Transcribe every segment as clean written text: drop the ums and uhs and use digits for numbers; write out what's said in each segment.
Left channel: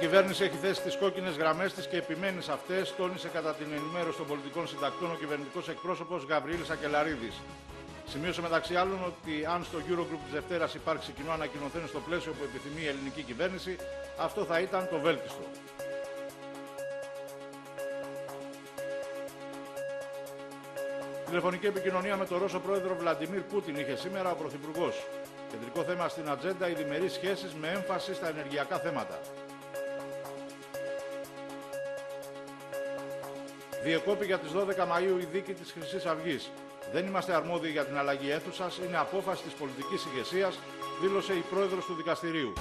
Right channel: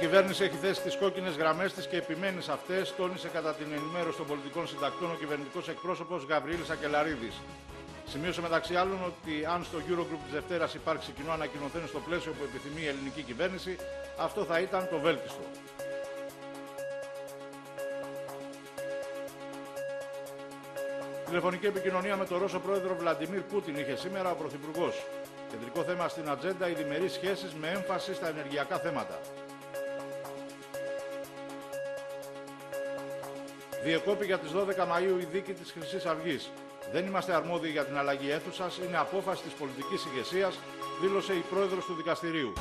κυβέρνηση έχει θέσει τις κόκκινες γραμμές της και επιμένει σε αυτές, τόνισε κατά την ενημέρωση των πολιτικών συντακτών ο κυβερνητικός εκπρόσωπος Γαβριήλ Σακελαρίδης. Σημείωσε μεταξύ άλλων ότι αν στο Eurogroup της Δευτέρας υπάρξει κοινό ανακοινωθέν στο πλαίσιο που επιθυμεί η ελληνική κυβέρνηση, αυτό θα ήταν το βέλτιστο. Τηλεφωνική επικοινωνία με τον Ρώσο πρόεδρο Βλαντιμίρ Πούτιν είχε σήμερα ο Πρωθυπουργός. Κεντρικό θέμα στην ατζέντα οι διμερείς σχέσεις με έμφαση στα ενεργειακά θέματα. Διεκόπη για τις 12 Μαΐου η δίκη της Χρυσής Αυγής. Δεν είμαστε αρμόδιοι για την αλλαγή αίθουσας, είναι απόφαση της πολιτικής ηγεσίας, δήλωσε η πρόεδρος του δικαστηρίου.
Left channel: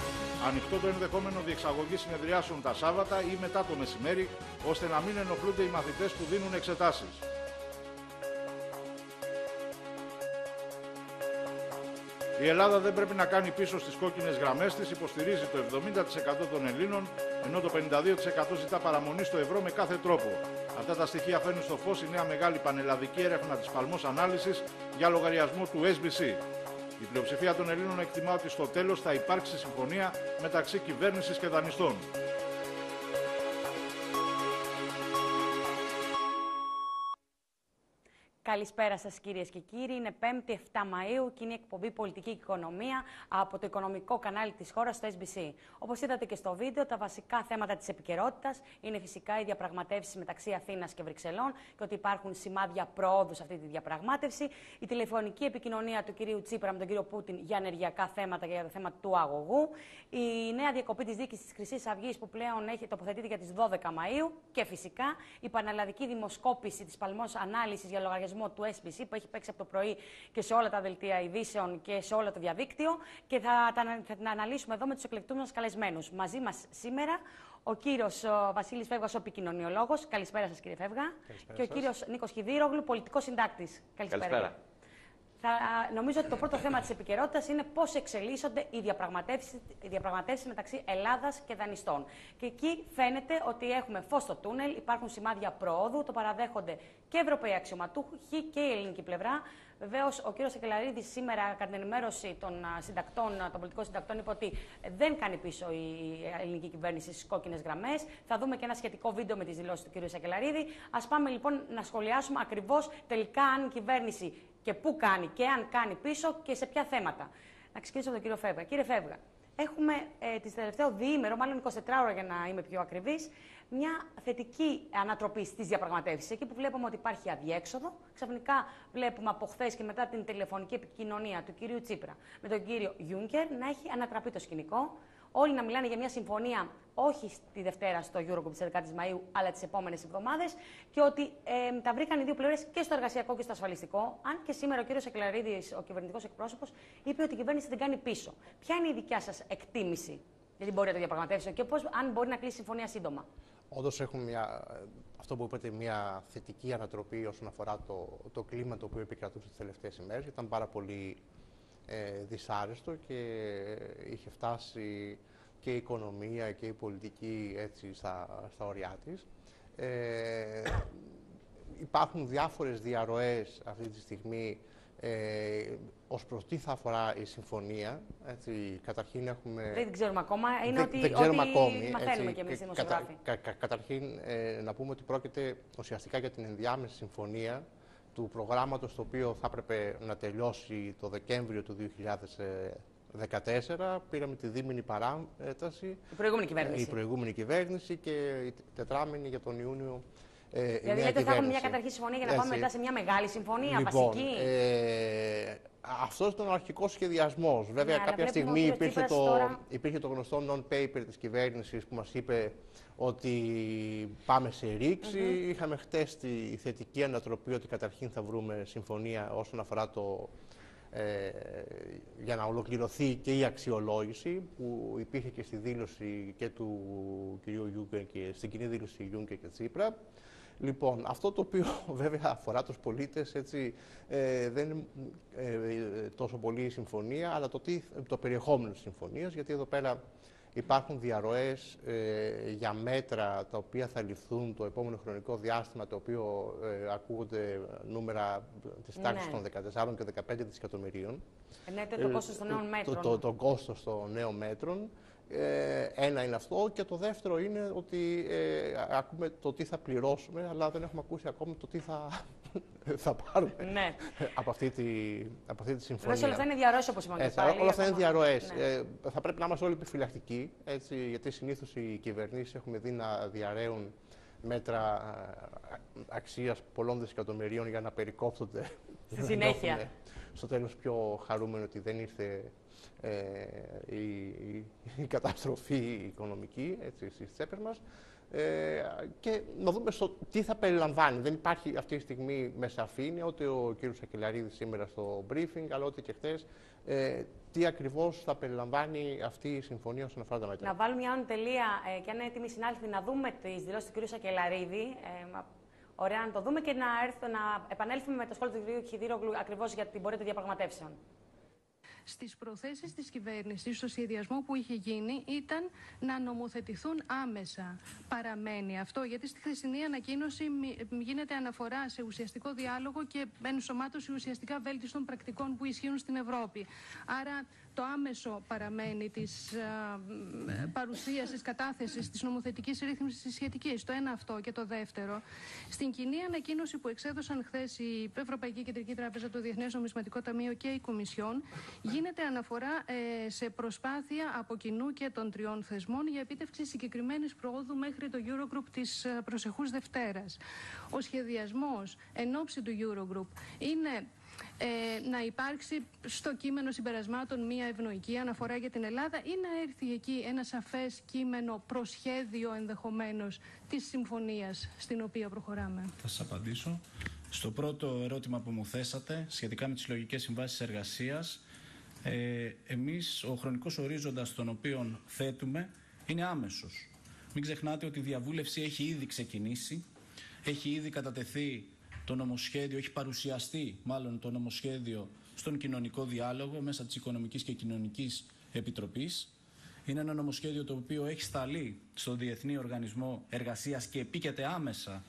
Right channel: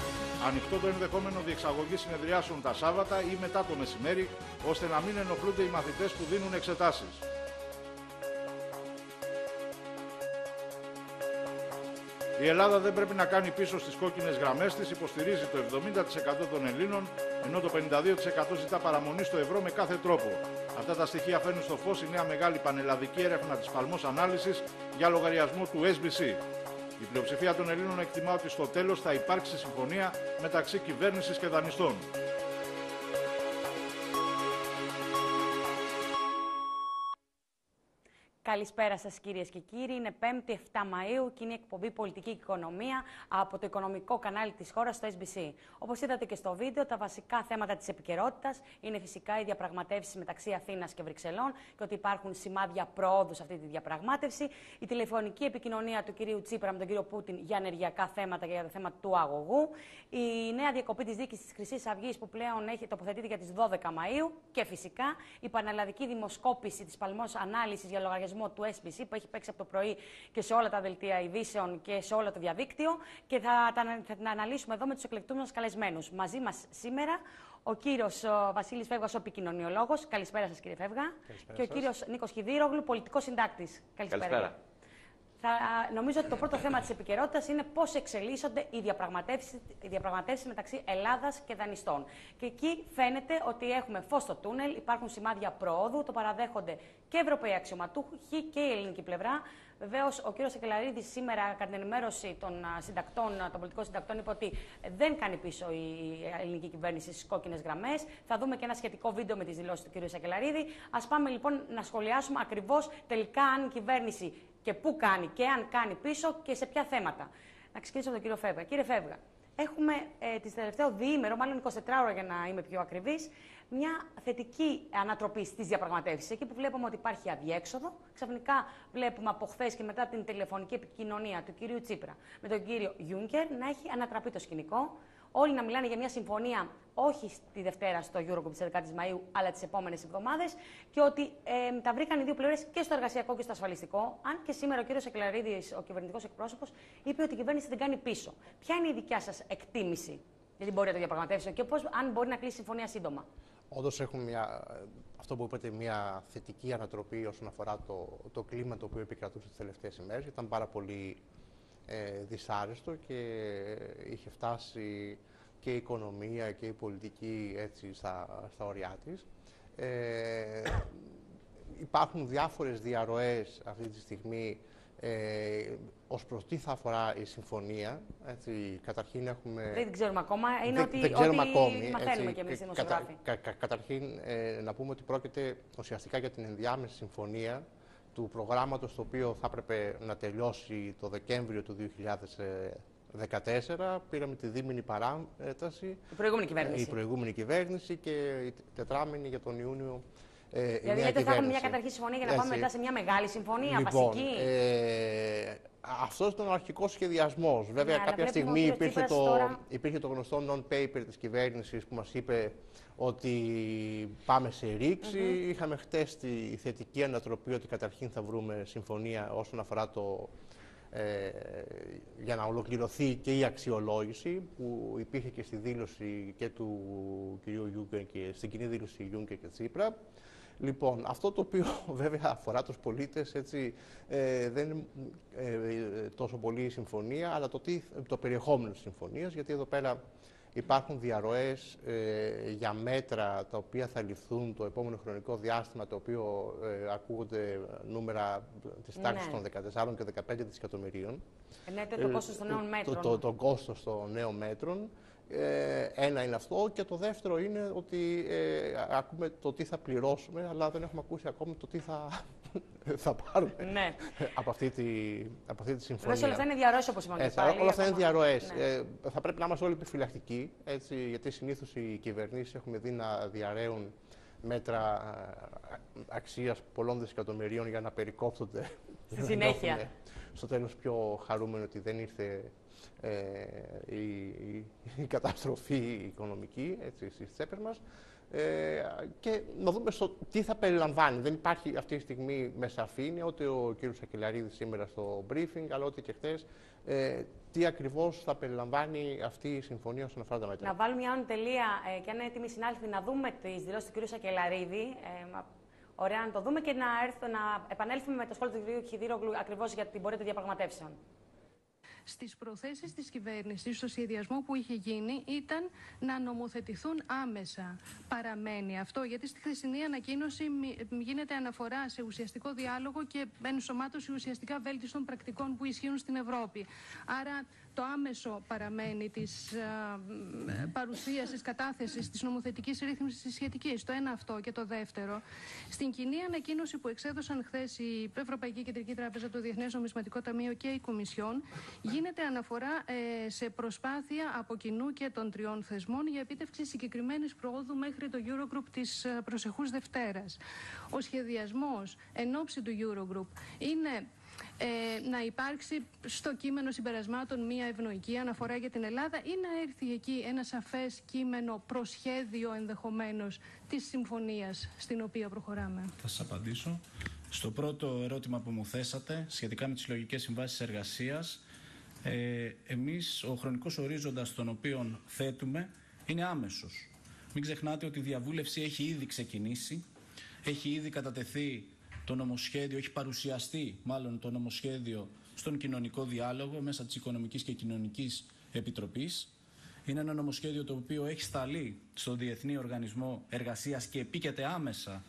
Ανοιχτό το ενδεχόμενο διεξαγωγή συνεδριάσεων τα Σάββατα ή μετά το μεσημέρι, ώστε να μην ενοχλούνται οι μαθητές που δίνουν εξετάσεις. Η Ελλάδα δεν πρέπει να κάνει πίσω στις κόκκινες γραμμές της, υποστηρίζει το 70% των Ελλήνων, ενώ το 52% ζητά παραμονή στο ευρώ με κάθε τρόπο. Αυτά τα στοιχεία φέρνει στο φως η νέα μεγάλη πανελλαδική έρευνα της Παλμός Ανάλυσης για λογαριασμό του SBC. Η πλειοψηφία των Ελλήνων εκτιμά ότι στο τέλος θα υπάρξει συμφωνία μεταξύ κυβέρνησης και δανειστών. Καλησπέρα σας κυρίες και κύριοι. Είναι 5η 7 Μαΐου και είναι η εκπομπή Πολιτική Οικονομία από το οικονομικό κανάλι της χώρας στο SBC. Όπως είδατε και στο βίντεο, τα βασικά θέματα της επικαιρότητας είναι φυσικά οι διαπραγματεύσεις μεταξύ Αθήνας και Βρυξελών και ότι υπάρχουν σημάδια προόδου σε αυτή τη διαπραγμάτευση. Η τηλεφωνική επικοινωνία του κυρίου Τσίπρα με τον κύριο Πούτιν για ενεργειακά θέματα και για το θέμα του αγωγού. Η νέα διακοπή της δίκης της Χρυσής Αυγής που πλέον έχει τοποθετείται για τις 12 Μαΐου και φυσικά η πανελλαδική δημοσκόπηση της Παλμός Ανάλυσης για λογαριασμό του SBC που έχει παίξει από το πρωί και σε όλα τα δελτία ειδήσεων και σε όλο το διαδίκτυο και θα την αναλύσουμε εδώ με τους εκλεκτούς μας καλεσμένους. Μαζί μας σήμερα ο κύριος Βασίλης Φεύγας, ο επικοινωνιολόγος. Καλησπέρα σας κύριε Φεύγα. Καλησπέρα και ο σας. κύριος Νίκος Χιδήρογλου, πολιτικός συντάκτης. Καλησπέρα. Νομίζω ότι το πρώτο θέμα της επικαιρότητας είναι πώς εξελίσσονται οι διαπραγματεύσεις μεταξύ Ελλάδας και δανειστών. Και εκεί φαίνεται ότι έχουμε φως στο τούνελ, υπάρχουν σημάδια προόδου, το παραδέχονται και Ευρωπαίοι αξιωματούχοι και η ελληνική πλευρά. Βεβαίως, ο κ. Σακελαρίδης σήμερα, κατά την ενημέρωση των πολιτικών συντακτών, είπε ότι δεν κάνει πίσω η ελληνική κυβέρνηση στις κόκκινες γραμμές. Θα δούμε και ένα σχετικό βίντεο με τις δηλώσεις του κ. Σακελαρίδη. Ας πάμε λοιπόν να σχολιάσουμε ακριβώς τελικά αν η κυβέρνηση και πού κάνει και αν κάνει πίσω και σε ποια θέματα. Να ξεκινήσω από τον κύριο Φεύγα. Κύριε Φεύγα, έχουμε τις τελευταίο διήμερο, μάλλον 24 ώρα για να είμαι πιο ακριβής, μια θετική ανατροπή στις διαπραγματεύσεις. Εκεί που βλέπουμε ότι υπάρχει αδιέξοδο, ξαφνικά βλέπουμε από χθες και μετά την τηλεφωνική επικοινωνία του κυρίου Τσίπρα με τον κύριο Γιούνκερ να έχει ανατραπεί το σκηνικό. Όλοι να μιλάνε για μια συμφωνία όχι τη Δευτέρα στο Eurogroup της 11ης Μαΐου, αλλά τις επόμενες εβδομάδες και ότι τα βρήκαν οι δύο πλευρές και στο εργασιακό και στο ασφαλιστικό. Αν και σήμερα ο κύριος Σακελαρίδης, ο κυβερνητικός εκπρόσωπος, είπε ότι η κυβέρνηση δεν κάνει πίσω. Ποια είναι η δικιά σας εκτίμηση για την πορεία των διαπραγματεύσεων και πώς, αν μπορεί να κλείσει συμφωνία σύντομα? Όντως έχουμε αυτό που είπατε, μια θετική ανατροπή όσον αφορά το κλίμα το οποίο επικρατούσε τις τελευταίες ημέρες. Ήταν πάρα πολύ δυσάρεστο και είχε φτάσει και η οικονομία και η πολιτική έτσι στα ωριά της. Υπάρχουν διάφορες διαρροές αυτή τη στιγμή ως προς τι θα αφορά η συμφωνία. Έτσι, καταρχήν έχουμε... Δεν ξέρουμε ακόμα, είναι δεν ξέρουμε ακόμη, μαθαίνουμε κι εμείς οι δημοσιογράφοι. Καταρχήν να πούμε ότι πρόκειται ουσιαστικά για την ενδιάμεση συμφωνία του προγράμματος το οποίο θα έπρεπε να τελειώσει το Δεκέμβριο του 2014. Πήραμε τη δίμηνη παράταση. Η προηγούμενη κυβέρνηση και η τετράμηνη για τον Ιούνιο. Δηλαδή θα έχουμε μια καταρχή συμφωνία για να πάμε μετά σε μια μεγάλη συμφωνία, λοιπόν, βασική. Αυτός ήταν ο αρχικός σχεδιασμός. Βέβαια, κάποια στιγμή υπήρχε το γνωστό non-paper της κυβέρνησης που μας είπε ότι πάμε σε ρήξη. Είχαμε χτες τη θετική ανατροπή ότι καταρχήν θα βρούμε συμφωνία όσον αφορά για να ολοκληρωθεί και η αξιολόγηση που υπήρχε και στη δήλωση και του κ. Γιούγκερ και στην κοινή δήλωση Γιούγκερ και Τσίπρα. Λοιπόν, αυτό το οποίο βέβαια αφορά τους πολίτες έτσι, δεν είναι τόσο πολύ η συμφωνία, αλλά το περιεχόμενο της συμφωνίας, γιατί εδώ πέρα υπάρχουν διαρροές για μέτρα τα οποία θα ληφθούν το επόμενο χρονικό διάστημα, το οποίο ακούγονται νούμερα της τάξης των 14 και 15 δισεκατομμυρίων. Το κόστος των νέων μέτρων. Το κόστος των νέων μέτρων. Ένα είναι αυτό, και το δεύτερο είναι ότι ακούμε το τι θα πληρώσουμε, αλλά δεν έχουμε ακούσει ακόμη το τι θα πάρουμε από αυτή τη συμφωνία. Όλα αυτά είναι διαρροές, όπως είπαμε. Όλα αυτά είναι διαρροές. Θα πρέπει να είμαστε όλοι επιφυλακτικοί, γιατί συνήθως οι κυβερνήσεις έχουμε δει να διαρρέουν μέτρα αξίας πολλών δισεκατομμυρίων για να περικόπτονται. Στη συνέχεια. Στο τέλος πιο χαρούμενο ότι δεν ήρθε η καταστροφή οικονομική στις τσέπες μας, και να δούμε τι θα περιλαμβάνει. Δεν υπάρχει αυτή τη στιγμή με σαφήνεια, ούτε ο κ. Σακελαρίδης σήμερα στο briefing, αλλά ούτε και χθες, τι ακριβώς θα περιλαμβάνει αυτή η συμφωνία όσον αφορά τα μέτρα. Να βάλουμε μια τελεία, και αν είναι έτοιμοι συνάδελφοι, να δούμε τις δηλώσεις του κ. Σακελαρίδη. Ωραία, να το δούμε και να επανέλθουμε με το σχόλιο του κ. Χιδίρογλου ακριβώς για την πορεία των διαπραγματεύσεων. Στις προθέσεις της κυβέρνησης, στο σχεδιασμό που είχε γίνει, ήταν να νομοθετηθούν άμεσα. Παραμένει αυτό, γιατί στη χθεσινή ανακοίνωση γίνεται αναφορά σε ουσιαστικό διάλογο και ενσωμάτωση ουσιαστικά βέλτιστων πρακτικών που ισχύουν στην Ευρώπη. Άρα το άμεσο παραμένει της παρουσίασης, κατάθεσης της νομοθετικής ρύθμισης της σχετικής. Το ένα αυτό. Και το δεύτερο, στην κοινή ανακοίνωση που εξέδωσαν χθες η Ευρωπαϊκή Κεντρική Τράπεζα, το Διεθνές Νομισματικό Ταμείο και η Κομισιόν, γίνεται αναφορά σε προσπάθεια από κοινού και των τριών θεσμών για επίτευξη συγκεκριμένης προόδου μέχρι το Eurogroup της προσεχούς Δευτέρας. Ο σχεδιασμός εν ώψη του Eurogroup είναι να υπάρξει στο κείμενο συμπερασμάτων μία ευνοϊκή αναφορά για την Ελλάδα, ή να έρθει εκεί ένα σαφές κείμενο προσχέδιο ενδεχομένως της συμφωνίας στην οποία προχωράμε? Θα σας απαντήσω. Στο πρώτο ερώτημα που μου θέσατε, σχετικά με τις συλλογικές συμβάσεις εργασίας, εμείς ο χρονικός ορίζοντας τον οποίο θέτουμε είναι άμεσος. Μην ξεχνάτε ότι η διαβούλευση έχει ήδη ξεκινήσει, έχει ήδη κατατεθεί το νομοσχέδιο, έχει παρουσιαστεί μάλλον το νομοσχέδιο στον κοινωνικό διάλογο μέσα της Οικονομικής και Κοινωνικής Επιτροπής. Είναι ένα νομοσχέδιο το οποίο έχει σταλεί στον Διεθνή Οργανισμό Εργασίας και επίκειται άμεσα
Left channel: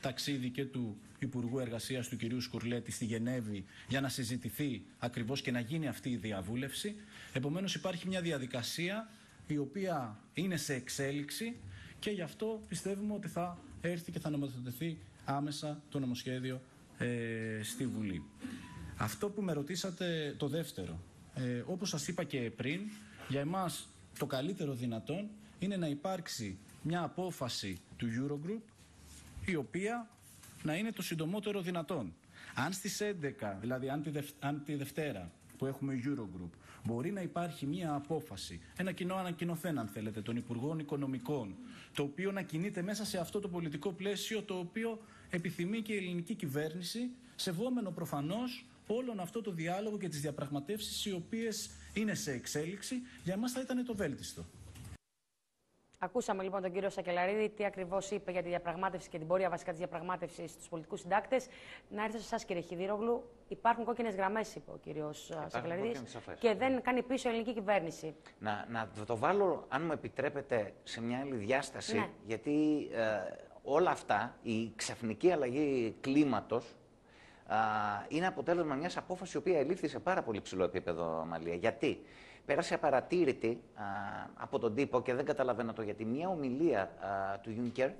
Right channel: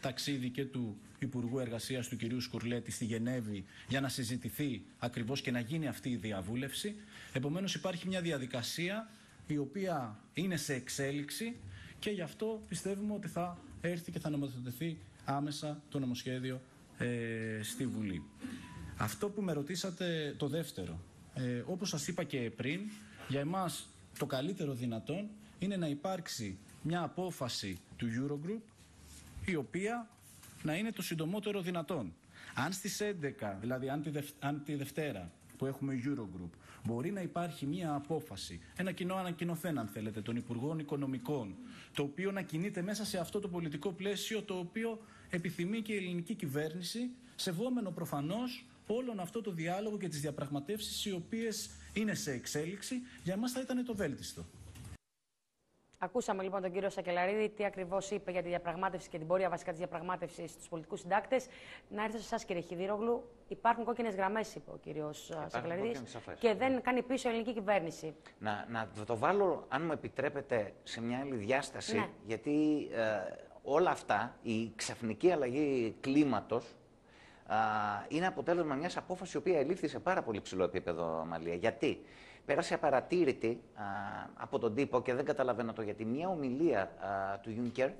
ταξίδι και του Υπουργού Εργασίας του κ. Σκουρλέτη στη Γενέβη για να συζητηθεί ακριβώς και να γίνει αυτή η διαβούλευση. Επομένως υπάρχει μια διαδικασία η οποία είναι σε εξέλιξη και γι' αυτό πιστεύουμε ότι θα έρθει και θα νομοθετηθεί άμεσα το νομοσχέδιο στη Βουλή. Αυτό που με ρωτήσατε το δεύτερο, όπως σας είπα και πριν, για εμάς το καλύτερο δυνατόν είναι να υπάρξει μια απόφαση του Eurogroup η οποία να είναι το συντομότερο δυνατόν. Αν στις 11, δηλαδή αν τη Δευτέρα που έχουμε Eurogroup, μπορεί να υπάρχει μια απόφαση, ένα κοινό ανακοινωθέν αν θέλετε, των Υπουργών Οικονομικών, το οποίο να κινείται μέσα σε αυτό το πολιτικό πλαίσιο το οποίο επιθυμεί και η ελληνική κυβέρνηση, σεβόμενο προφανώς όλον αυτό το διάλογο και τις διαπραγματεύσεις οι οποίες είναι σε εξέλιξη, για εμάς θα ήταν το βέλτιστο. Ακούσαμε λοιπόν τον κύριο Σακελαρίδη τι ακριβώς είπε για τη διαπραγμάτευση και την πορεία βασικά της διαπραγμάτευσης στους πολιτικούς συντάκτες. Να έρθω σε εσάς, κύριε Χιδίρογλου. Υπάρχουν κόκκινες γραμμές, είπε ο κύριος Σακελαρίδης, και δεν κάνει πίσω η ελληνική κυβέρνηση. Να το βάλω, αν μου επιτρέπετε, σε μια άλλη διάσταση, ναι. Γιατί όλα αυτά, η ξαφνική αλλαγή κλίματος, είναι αποτέλεσμα μιας απόφασης η οποία ελήφθη σε πάρα πολύ ψηλό επίπεδο, Μαλία. Γιατί? Πέρασε απαρατήρητη από τον τύπο και δεν καταλαβαίνω το γιατί. Μια ομιλία του Juncker,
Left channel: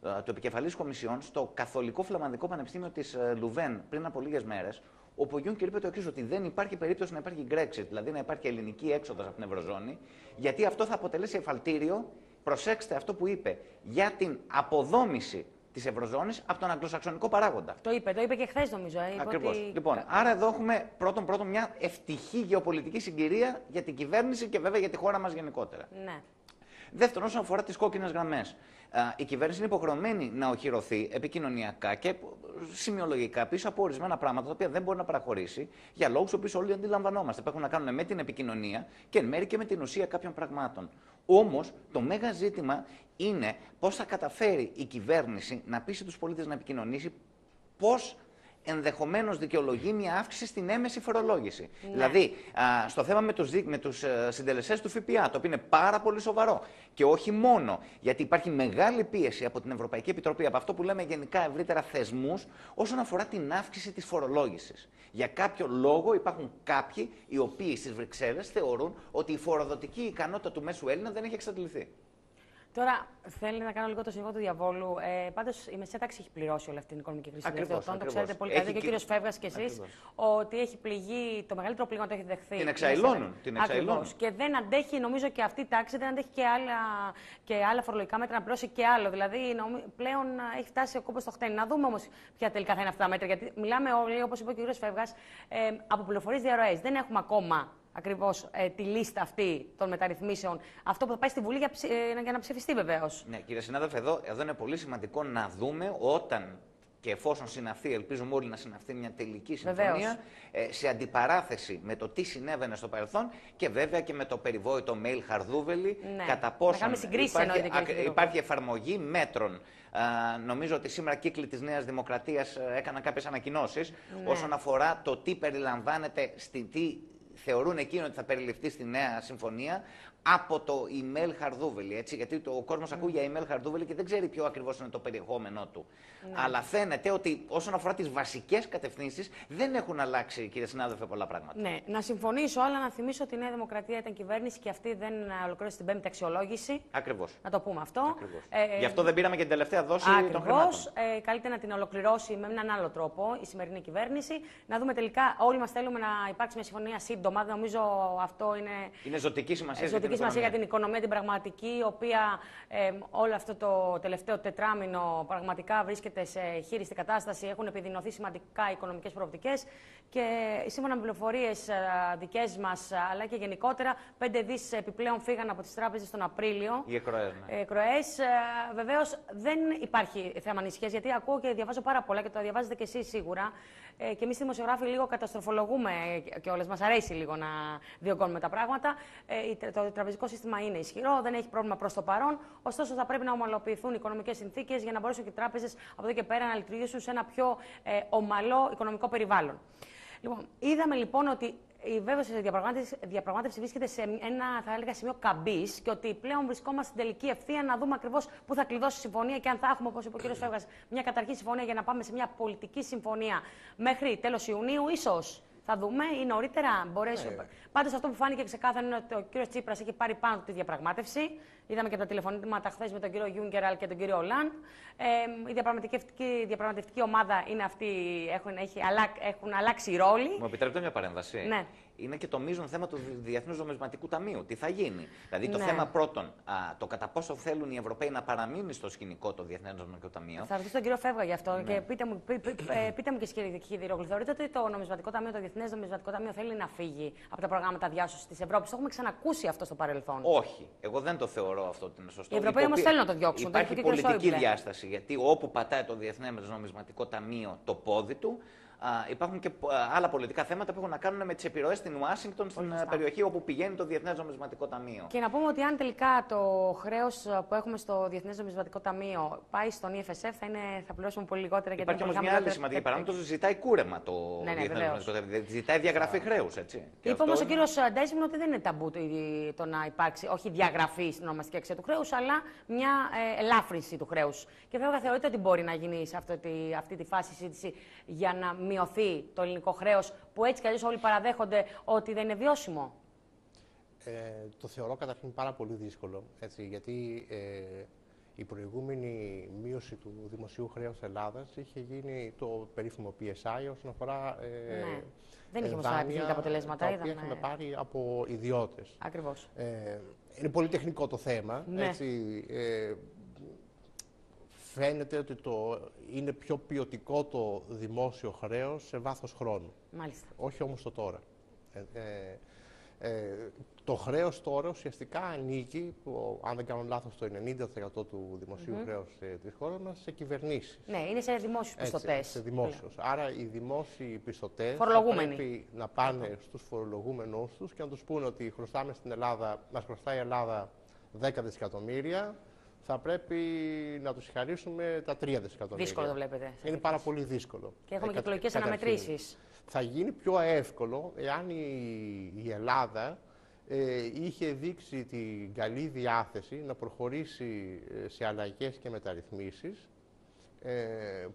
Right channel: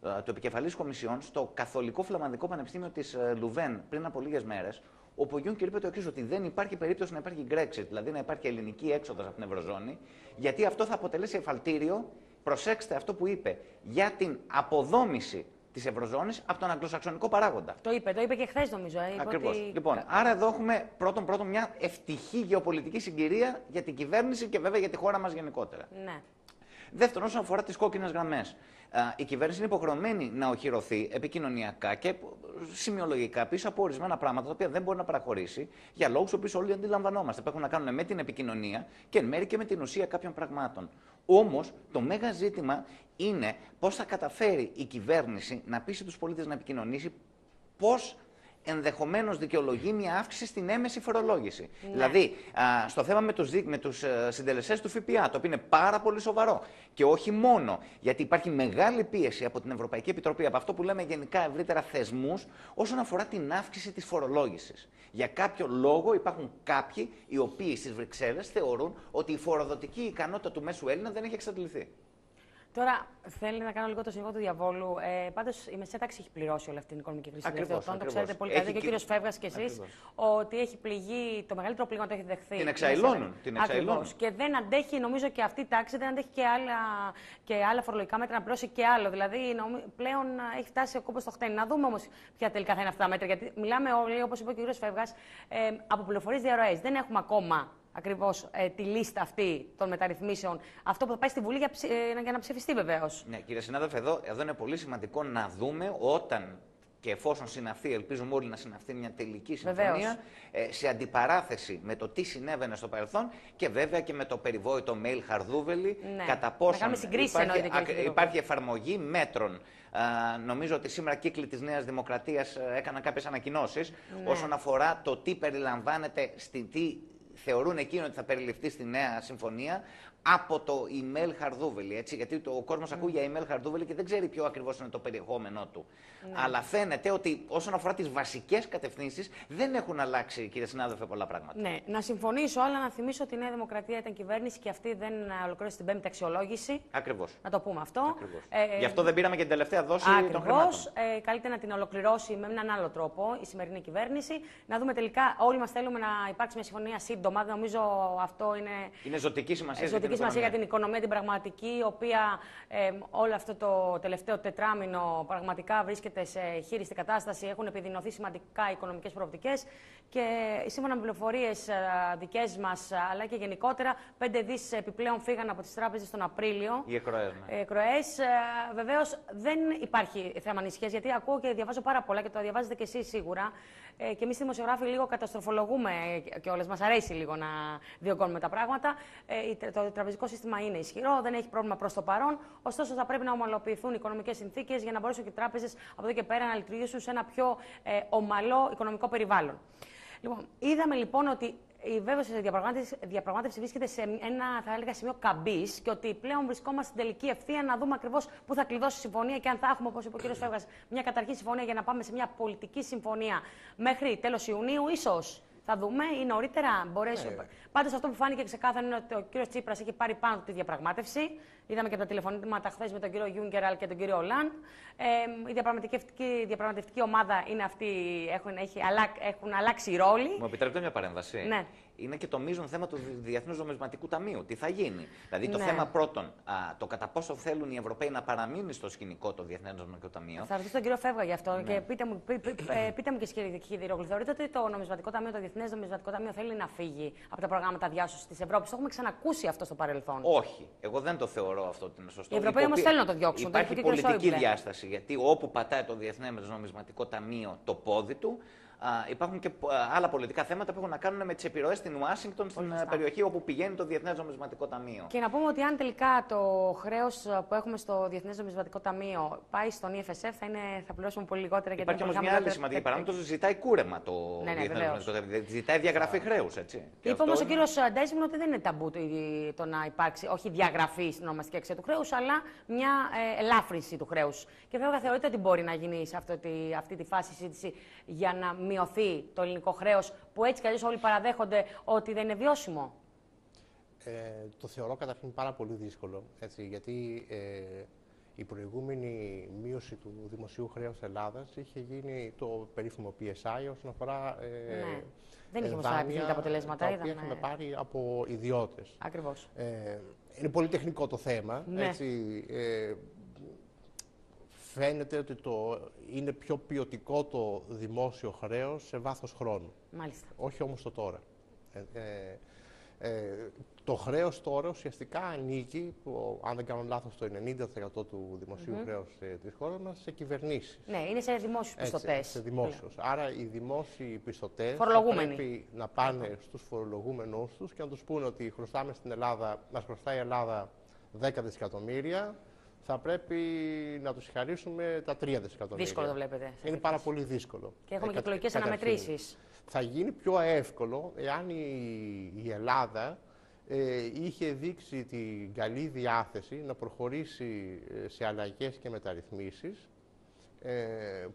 του επικεφαλής Κομισιόν, στο Καθολικό Φλαμανδικό Πανεπιστήμιο της Λουβέν πριν από λίγες μέρες, όπου ο Juncker είπε το εξής, ότι δεν υπάρχει περίπτωση να υπάρχει Brexit, δηλαδή να υπάρχει ελληνική έξοδος από την Ευρωζώνη, γιατί αυτό θα αποτελέσει εφαλτήριο, προσέξτε αυτό που είπε, για την αποδόμηση της Ευρωζώνης από τον αγγλοσαξονικό παράγοντα. Το είπε και χθες νομίζω. Ακριβώς. Λοιπόν, άρα εδώ έχουμε πρώτον μια ευτυχή γεωπολιτική συγκυρία για την κυβέρνηση και βέβαια για τη χώρα μας γενικότερα. Ναι. Δεύτερον, όσον αφορά τις κόκκινες γραμμές, η κυβέρνηση είναι υποχρεωμένη να οχυρωθεί επικοινωνιακά και σημειολογικά πίσω από ορισμένα πράγματα τα οποία δεν μπορεί να παραχωρήσει για λόγους που όλοι αντιλαμβανόμαστε. Που έχουν να κάνουν με την επικοινωνία και εν μέρει και με την ουσία κάποιων πραγμάτων. Όμως, το μέγα ζήτημα είναι πώς θα καταφέρει η κυβέρνηση να πείσει τους πολίτες να επικοινωνήσει, πώς ενδεχομένως δικαιολογεί μια αύξηση στην έμεση φορολόγηση. Ναι. Δηλαδή, στο θέμα με τους συντελεστές του ΦΠΑ, το οποίο είναι πάρα πολύ σοβαρό. Και όχι μόνο, γιατί υπάρχει μεγάλη πίεση από την Ευρωπαϊκή Επιτροπή, από αυτό που λέμε γενικά ευρύτερα θεσμούς, όσον αφορά την αύξηση της φορολόγησης. Για κάποιο λόγο υπάρχουν κάποιοι οι οποίοι στις Βρυξέλλες θεωρούν ότι η φοροδοτική ικανότητα του μέσου Έλληνα δεν έχει εξαντληθεί. Τώρα, θέλει να κάνω λίγο το συνήγορο του διαβόλου. Πάντως, η μεσαία τάξη έχει πληρώσει όλη αυτή την οικονομική κρίση. Ακριβώς. Το ξέρετε πολύ καλά και ο κύριος Φεύγας και εσείς, ότι έχει πληγεί, το μεγαλύτερο πλήγμα το έχει δεχθεί. Την εξαηλώνουν. Και δεν αντέχει, νομίζω, και αυτή η τάξη, δεν αντέχει και άλλα φορολογικά μέτρα να πληρώσει και άλλο. Δηλαδή, πλέον έχει φτάσει ο κόμπος στο χτένι. Να δούμε όμως ποια τελικά θα είναι αυτά τα μέτρα. Γιατί μιλάμε όλοι, όπως είπε ο κύριος Φεύγας, από πληροφορίες διαρροές. Δεν έχουμε ακόμα ακριβώς τη λίστα αυτή των μεταρρυθμίσεων. Αυτό που θα πάει στη Βουλή για να ψηφιστεί βεβαίως. Ναι, κύριε συνάδελφε, εδώ είναι πολύ σημαντικό να δούμε όταν και εφόσον συναυθεί, ελπίζουμε όλοι να συναυθεί μια τελική συμφωνία, σε αντιπαράθεση με το τι συνέβαινε στο παρελθόν και βέβαια και με το περιβόητο mail Χαρδούβελη, κατά πόσον υπάρχει εφαρμογή μέτρων. Νομίζω ότι σήμερα κύκλοι της Νέας Δημοκρατίας έκαναν κάποιες ανακοινώσεις όσον αφορά το τι περιλαμβάνεται, τι θεωρούν εκείνοι ότι θα περιληφθεί στη νέα συμφωνία από το email Χαρδούβελη. Έτσι, γιατί ο κόσμος ακούει για email Χαρδούβελη και δεν ξέρει ποιο ακριβώς είναι το περιεχόμενό του. Αλλά φαίνεται ότι όσον αφορά τις βασικές κατευθύνσεις δεν έχουν αλλάξει, κύριε συνάδελφε, πολλά πράγματα. Ναι, να συμφωνήσω, αλλά να θυμίσω ότι η Νέα Δημοκρατία ήταν κυβέρνηση και αυτή δεν ολοκλήρωσε την 5η αξιολόγηση. Ακριβώς. Να το πούμε αυτό. Γι' αυτό δεν πήραμε και την τελευταία δόση των χρημάτων. Καλύτερα να την ολοκληρώσει με έναν άλλο τρόπο η σημερινή κυβέρνηση. Να δούμε τελικά, όλοι μας θέλουμε να υπάρξει μια συμφωνία σύντομα. Νομίζω αυτό είναι ζωτική σημασία. Για την οικονομία, την πραγματική, η οποία όλο αυτό το τελευταίο τετράμινο πραγματικά βρίσκεται σε χείριστη κατάσταση. Έχουν επιδεινωθεί σημαντικά οι οικονομικές προοπτικές και σύμφωνα με πληροφορίες δικές μας, αλλά και γενικότερα, 5 δις επιπλέον φύγαν από τις τράπεζες τον Απρίλιο. Οι εκροές. Βεβαίως δεν υπάρχει θέμα ανησυχίας, γιατί ακούω και διαβάζω πάρα πολλά και το διαβάζετε και εσείς σίγουρα. Και εμείς οι δημοσιογράφοι λίγο καταστροφολογούμε και όλες. Μας αρέσει λίγο να διωγγώνουμε τα πράγματα. Το τραπεζικό σύστημα είναι ισχυρό, δεν έχει πρόβλημα προς το παρόν. Ωστόσο, θα πρέπει να ομαλοποιηθούν οι οικονομικές συνθήκες για να μπορέσουν και οι τράπεζες από εδώ και πέρα να λειτουργήσουν σε ένα πιο ομαλό οικονομικό περιβάλλον. Λοιπόν, είδαμε λοιπόν ότι η βέβαια η διαπραγμάτευση βρίσκεται σε ένα, θα έλεγα, σημείο καμπής και ότι πλέον βρισκόμαστε στην τελική ευθεία να δούμε ακριβώς πού θα κλειδώσει η συμφωνία και αν θα έχουμε, όπως είπε ο κ. Φεύγας, μια καταρχή συμφωνία για να πάμε σε μια πολιτική συμφωνία μέχρι τέλος Ιουνίου, ίσως. Θα δούμε ή νωρίτερα μπορέσουμε. Πάντως αυτό που φάνηκε ξεκάθαρα είναι ότι ο κ. Τσίπρας έχει πάρει πάνω του τη διαπραγμάτευση. Είδαμε και από τα τηλεφωνήματα χθες με τον κύριο Γιούγκερ και τον κύριο Ολάντ. Η διαπραγματευτική ομάδα είναι αυτή, έχουν αλλάξει οι ρόλοι. Μου επιτρέπετε μια παρέμβαση. Ναι. Είναι και το μείζον θέμα του Διεθνούς Νομισματικού Ταμείου. Τι θα γίνει. Δηλαδή το θέμα πρώτον, το κατά πόσο θέλουν οι Ευρωπαίοι να παραμείνει στο σκηνικό το Διεθνές Νομισματικό Ταμείο. Θα ρωτήσω τον κύριο Φεύγα γι' αυτό και πείτε μου και κύριε Χιδηρόγλου, θεωρείτε ότι το Νομισματικό Ταμείο, το Διεθνές Νομισματικό Ταμείο θέλει να φύγει από τα προγράμματα διάσωσης της Ευρώπης? Το έχουμε ξανακούσει αυτό στο παρελθόν. Όχι. Εγώ δεν το θεωρώ αυτό ότι είναι σωστό. Οι Ευρωπαίοι όμως θέλουν να το διώξουν. Υπάρχει πολιτική διάσταση. Γιατί όπου πατάει το Διεθνές Νομισματικό Ταμείο το πόδι του, υπάρχουν και άλλα πολιτικά θέματα που έχουν να κάνουν με τις επιρροές στην Ουάσιγκτον, στην περιοχή όπου πηγαίνει το Διεθνές Νομισματικό Ταμείο. Και να πούμε ότι αν τελικά το χρέος που έχουμε στο Διεθνές Νομισματικό Ταμείο πάει στον EFSF, θα πληρώσουμε πολύ λιγότερα. Υπάρχει όμως μια άλλη σημαντική παράμετρο, ζητάει κούρεμα το Διεθνές Νομισματικό Ταμείο. Ζητάει διαγραφή χρέους, έτσι. Είπε όμως ο κύριος Ντέσμον ότι δεν είναι ταμπού το να υπάρξει όχι διαγραφή στην ονομαστική αξία του χρέους, αλλά μια ελάφρυνση του χρέους. Και βέβαια θεωρείτε ότι μπορεί να γίνει σε αυτή τη φάση συζήτηση για να μειωθεί το ελληνικό χρέος, που έτσι κι αλλιώς όλοι παραδέχονται ότι δεν είναι βιώσιμο? Το θεωρώ καταρχήν πάρα πολύ δύσκολο, έτσι, γιατί η προηγούμενη μείωση του δημοσίου χρέους Ελλάδας είχε γίνει το περίφημο PSI όσον αφορά δεν είχε δάνεια, τα αποτελέσματα, τα οποία έχουμε πάρει από ιδιώτες. Ακριβώς. Είναι πολύ τεχνικό το θέμα, έτσι, φαίνεται ότι είναι πιο ποιοτικό το δημόσιο χρέος σε βάθος χρόνου. Μάλιστα. Όχι όμως το τώρα. Το χρέος τώρα ουσιαστικά ανήκει, αν δεν κάνω λάθος, το 90% του δημοσίου χρέους της χώρας μας σε κυβερνήσεις. Ναι, είναι σε δημόσιους πιστωτές. Σε δημόσιους. Άρα οι δημόσιοι πιστωτές πρέπει να πάνε στους φορολογούμενους τους και να τους πούνε ότι χρωστάμε στην Ελλάδα, μας χρωστάει η Ελλάδα 10 δισεκατομμύρια, θα πρέπει να τους χαρίσουμε τα 3 δισεκατομμύρια. Δύσκολο το βλέπετε. Είναι πάρα πολύ δύσκολο. Και έχουμε και εκλογικές αναμετρήσεις. Θα γίνει πιο εύκολο εάν η Ελλάδα είχε δείξει την καλή διάθεση να προχωρήσει σε αλλαγές και μεταρρυθμίσεις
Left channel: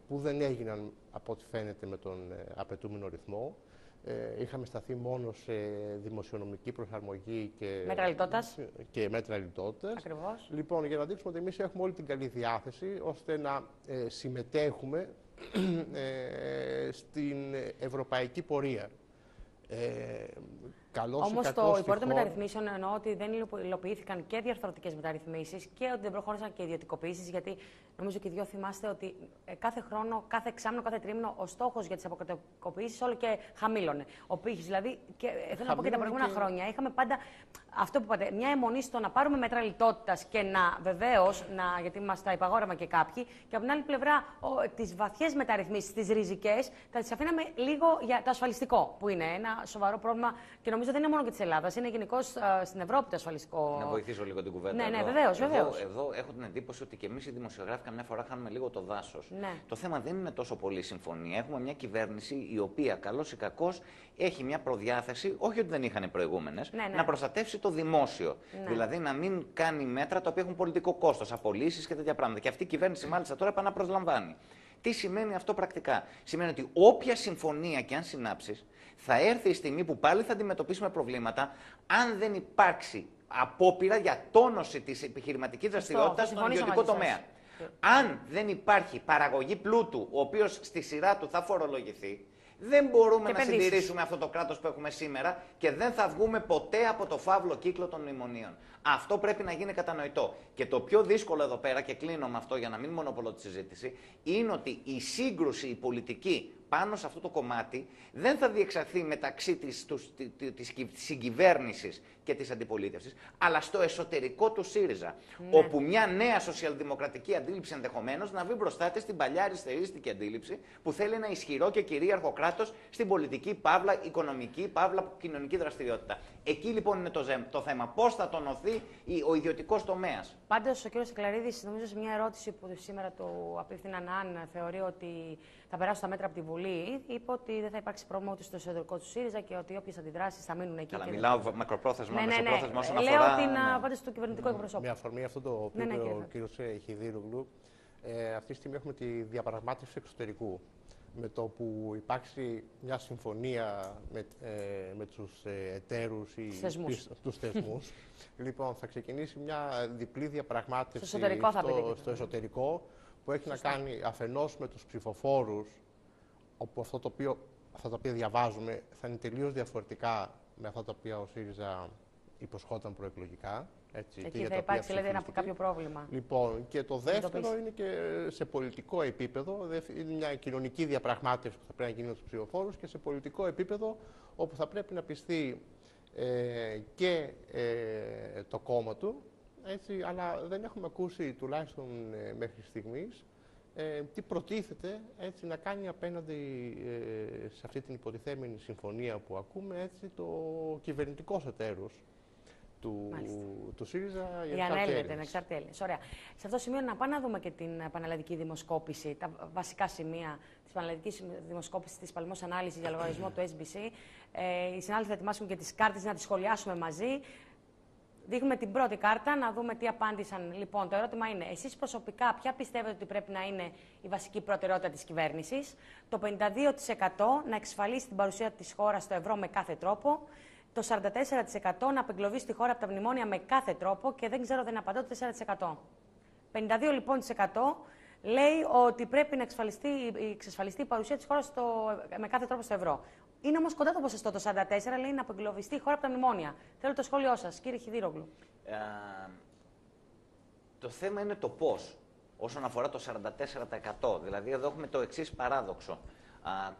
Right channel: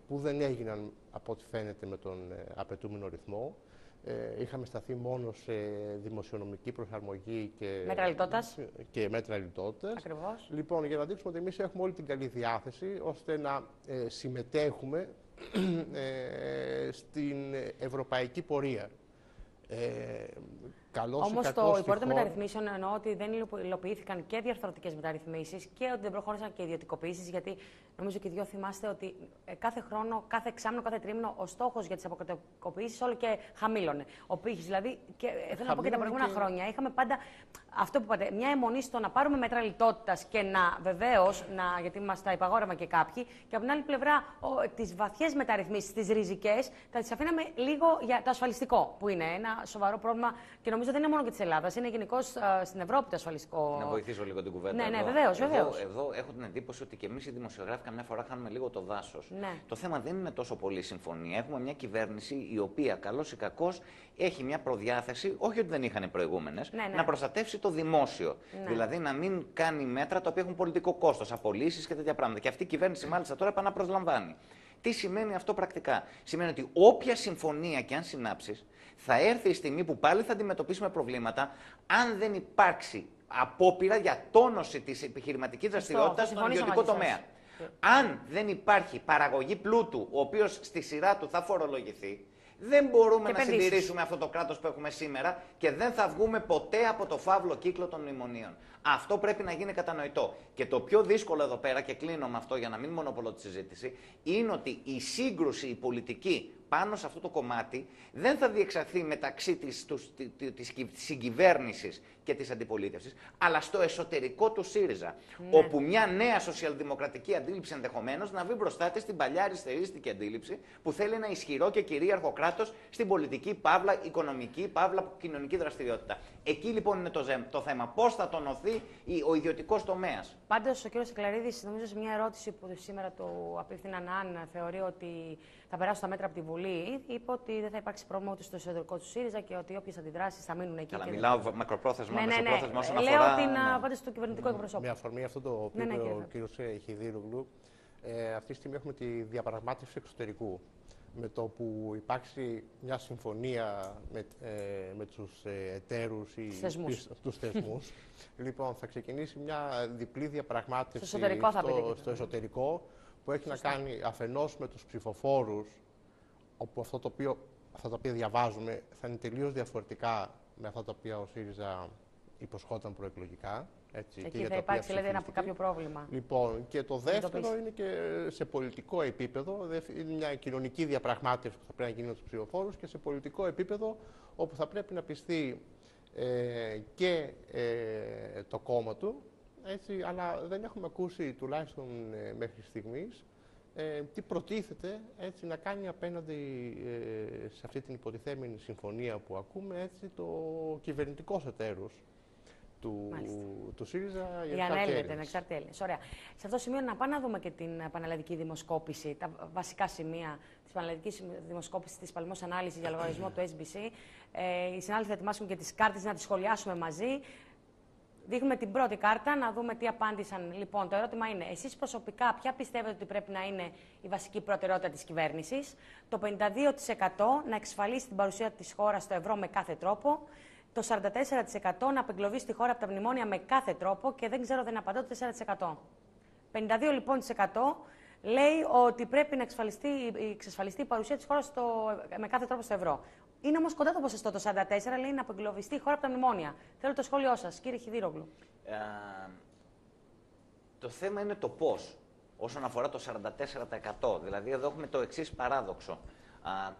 που δεν έγιναν από ό,τι φαίνεται με τον απαιτούμενο ρυθμό. Είχαμε σταθεί μόνο σε δημοσιονομική προσαρμογή και μέτρα λιτότητας. Ακριβώς. Λοιπόν, για να δείξουμε ότι εμείς έχουμε όλη την καλή διάθεση ώστε να συμμετέχουμε στην ευρωπαϊκή πορεία. Όμως το υπόρρητο των μεταρρυθμίσεων εννοώ ότι δεν υλοποιήθηκαν και διαρθρωτικές μεταρρυθμίσεις και ότι δεν προχώρησαν και ιδιωτικοποιήσεις, γιατί νομίζω και οι δυο θυμάστε ότι κάθε χρόνο, κάθε εξάμηνο, κάθε τρίμηνο ο στόχος για τις αποκρατικοποιήσεις όλο και χαμήλωνε. Ο πύχης δηλαδή, και θέλω να πω και τα προηγούμενα χρόνια, είχαμε πάντα αυτό που είπατε, μια αιμονή στο να πάρουμε μέτρα λιτότητας και να βεβαίως, γιατί μας τα υπαγόρευαν και κάποιοι, και από την άλλη πλευρά τις βαθιές μεταρρυθμίσεις, τις ριζικές, θα τις αφήναμε λίγο για το ασφαλιστικό, που είναι ένα σοβαρό πρόβλημα και νομίζω δεν είναι μόνο και της Ελλάδας, είναι γενικώς στην Ευρώπη το ασφαλιστικό. Να βοηθήσω λίγο την κουβέντα. Ναι, βεβαίως. Εδώ έχω την εντύπωση ότι και εμείς οι δημοσιογράφοι καμιά φορά χάνουμε λίγο το δάσος. Ναι. Το θέμα δεν είναι τόσο πολύ η συμφωνία. Έχουμε μια κυβέρνηση η οποία καλώς ή κακώς έχει μια προδιάθεση, όχι ότι δεν είχαν οι προηγούμενες, να προστατεύσει το δημόσιο. Δηλαδή να μην κάνει μέτρα τα οποία έχουν πολιτικό κόστος, απολύσεις και τέτοια πράγματα. Και αυτή η κυβέρνηση μάλιστα τώρα επαναπροσλαμβάνει. Τι σημαίνει αυτό πρακτικά? Σημαίνει ότι όποια συμφωνία και αν συνάψεις, θα έρθει η στιγμή που πάλι θα αντιμετωπίσουμε προβλήματα αν δεν υπάρξει απόπειρα για τόνωση της επιχειρηματικής δραστηριότητας στον ιδιωτικό τομέα. Αν δεν υπάρχει παραγωγή πλούτου, ο οποίος στη σειρά του θα φορολογηθεί, δεν μπορούμε να συντηρήσουμε αυτό το κράτος που έχουμε σήμερα και δεν θα βγούμε ποτέ από το φαύλο κύκλο των μνημονίων. Αυτό πρέπει να γίνει κατανοητό. Και το πιο δύσκολο εδώ πέρα, και κλείνω με αυτό για να μην μονοπολώ τη συζήτηση, είναι ότι η σύγκρουση, η πολιτική πάνω σε αυτό το κομμάτι δεν θα διεξαχθεί μεταξύ της συγκυβέρνησης και της αντιπολίτευσης, αλλά στο εσωτερικό του ΣΥΡΙΖΑ, όπου μια νέα σοσιαλδημοκρατική αντίληψη ενδεχομένως να βρει μπροστά της την παλιά αριστερίστικη αντίληψη που θέλει ένα ισχυρό και κυρίαρχο κράτος στην πολιτική, παύλα οικονομική, παύλα κοινωνική δραστηριότητα. Εκεί λοιπόν είναι το θέμα. Πώς θα τονωθεί ο ιδιωτικός τομέας. Πάντως ο κ. Σικλαρίδης, νομίζω σε μια ερώτηση που σήμερα του απίφθηναν, αν θεωρεί ότι θα περάσουν τα μέτρα από τη Βουλή, είπε ότι δεν θα υπάρξει πρόβλημα ούτε στο εσωτερικό του ΣΥΡΙΖΑ και ότι όποιες αντιδράσεις θα μείνουν εκεί. Αλλά μιλάω μακροπρόθεσμα, μεσοπρόθεσμα όσον αφορά. Λέω την απάντηση του κυβερνητικού εκπροσώπου. Με αφορμή αυτό το οποίο είπε ο κ. Χιδίρογλου, αυτή τη στιγμή έχουμε τη διαπραγμάτευση εξωτερικού. Με το που υπάρξει μια συμφωνία με τους εταίρους ή τους θεσμούς, λοιπόν, θα ξεκινήσει μια διπλή διαπραγμάτευση στο εσωτερικό, που έχει να κάνει αφενός με τους ψηφοφόρους, όπου αυτά τα οποία διαβάζουμε θα είναι τελείως διαφορετικά με αυτά τα οποία ο ΣΥΡΙΖΑ υποσχόταν προεκλογικά. Έτσι, εκεί θα υπάρξει, λέτε, κάποιο πρόβλημα. Λοιπόν, και το δεύτερο είναι και σε πολιτικό επίπεδο, είναι μια κοινωνική διαπραγμάτευση που θα πρέπει να γίνει με τους ψηφοφόρους και σε πολιτικό επίπεδο, όπου θα πρέπει να πιστεί και το κόμμα του, έτσι, αλλά δεν έχουμε ακούσει, τουλάχιστον μέχρι στιγμής, τι προτίθεται έτσι, να κάνει απέναντι σε αυτή την υποτιθέμενη συμφωνία που ακούμε, έτσι, το κυβερνητικός εταίρος του ΣΥΡΙΖΑ για ανεξάρτητη Έλληνες. Ωραία. Σε αυτό το σημείο να πάμε να δούμε και την πανελλαδική δημοσκόπηση, τα βασικά σημεία της πανελλαδικής δημοσκόπησης της παλαιμός ανάλυσης για λογαριασμό του SBC. Οι συνάδελφοι θα ετοιμάσουμε και τις κάρτες να τις σχολιάσουμε μαζί. Δείχνουμε την πρώτη κάρτα, να δούμε τι απάντησαν. Λοιπόν, το ερώτημα είναι, εσείς προσωπικά ποια πιστεύετε ότι πρέπει να είναι η βασική προτεραιότητα της κυβέρνησης? Το 52% να εξασφαλίσει την παρουσία της χώρας στο ευρώ με κάθε τρόπο. Το 44% να απεγκλωβίσει τη χώρα από τα μνημόνια με κάθε τρόπο και δεν ξέρω, δεν απαντώ, το 4%. 52% λοιπόν λέει ότι πρέπει να εξασφαλιστεί η παρουσία της χώρας με κάθε τρόπο στο ευρώ. Είναι όμως κοντά το ποσοστό, το 44% λέει να απεγκλωβιστεί η χώρα από τα μνημόνια. Θέλω το σχόλιο σας, κύριε Χιδίρογλου. Το θέμα είναι το πώς, όσον αφορά το 44%. Δηλαδή εδώ έχουμε το εξής παράδοξο.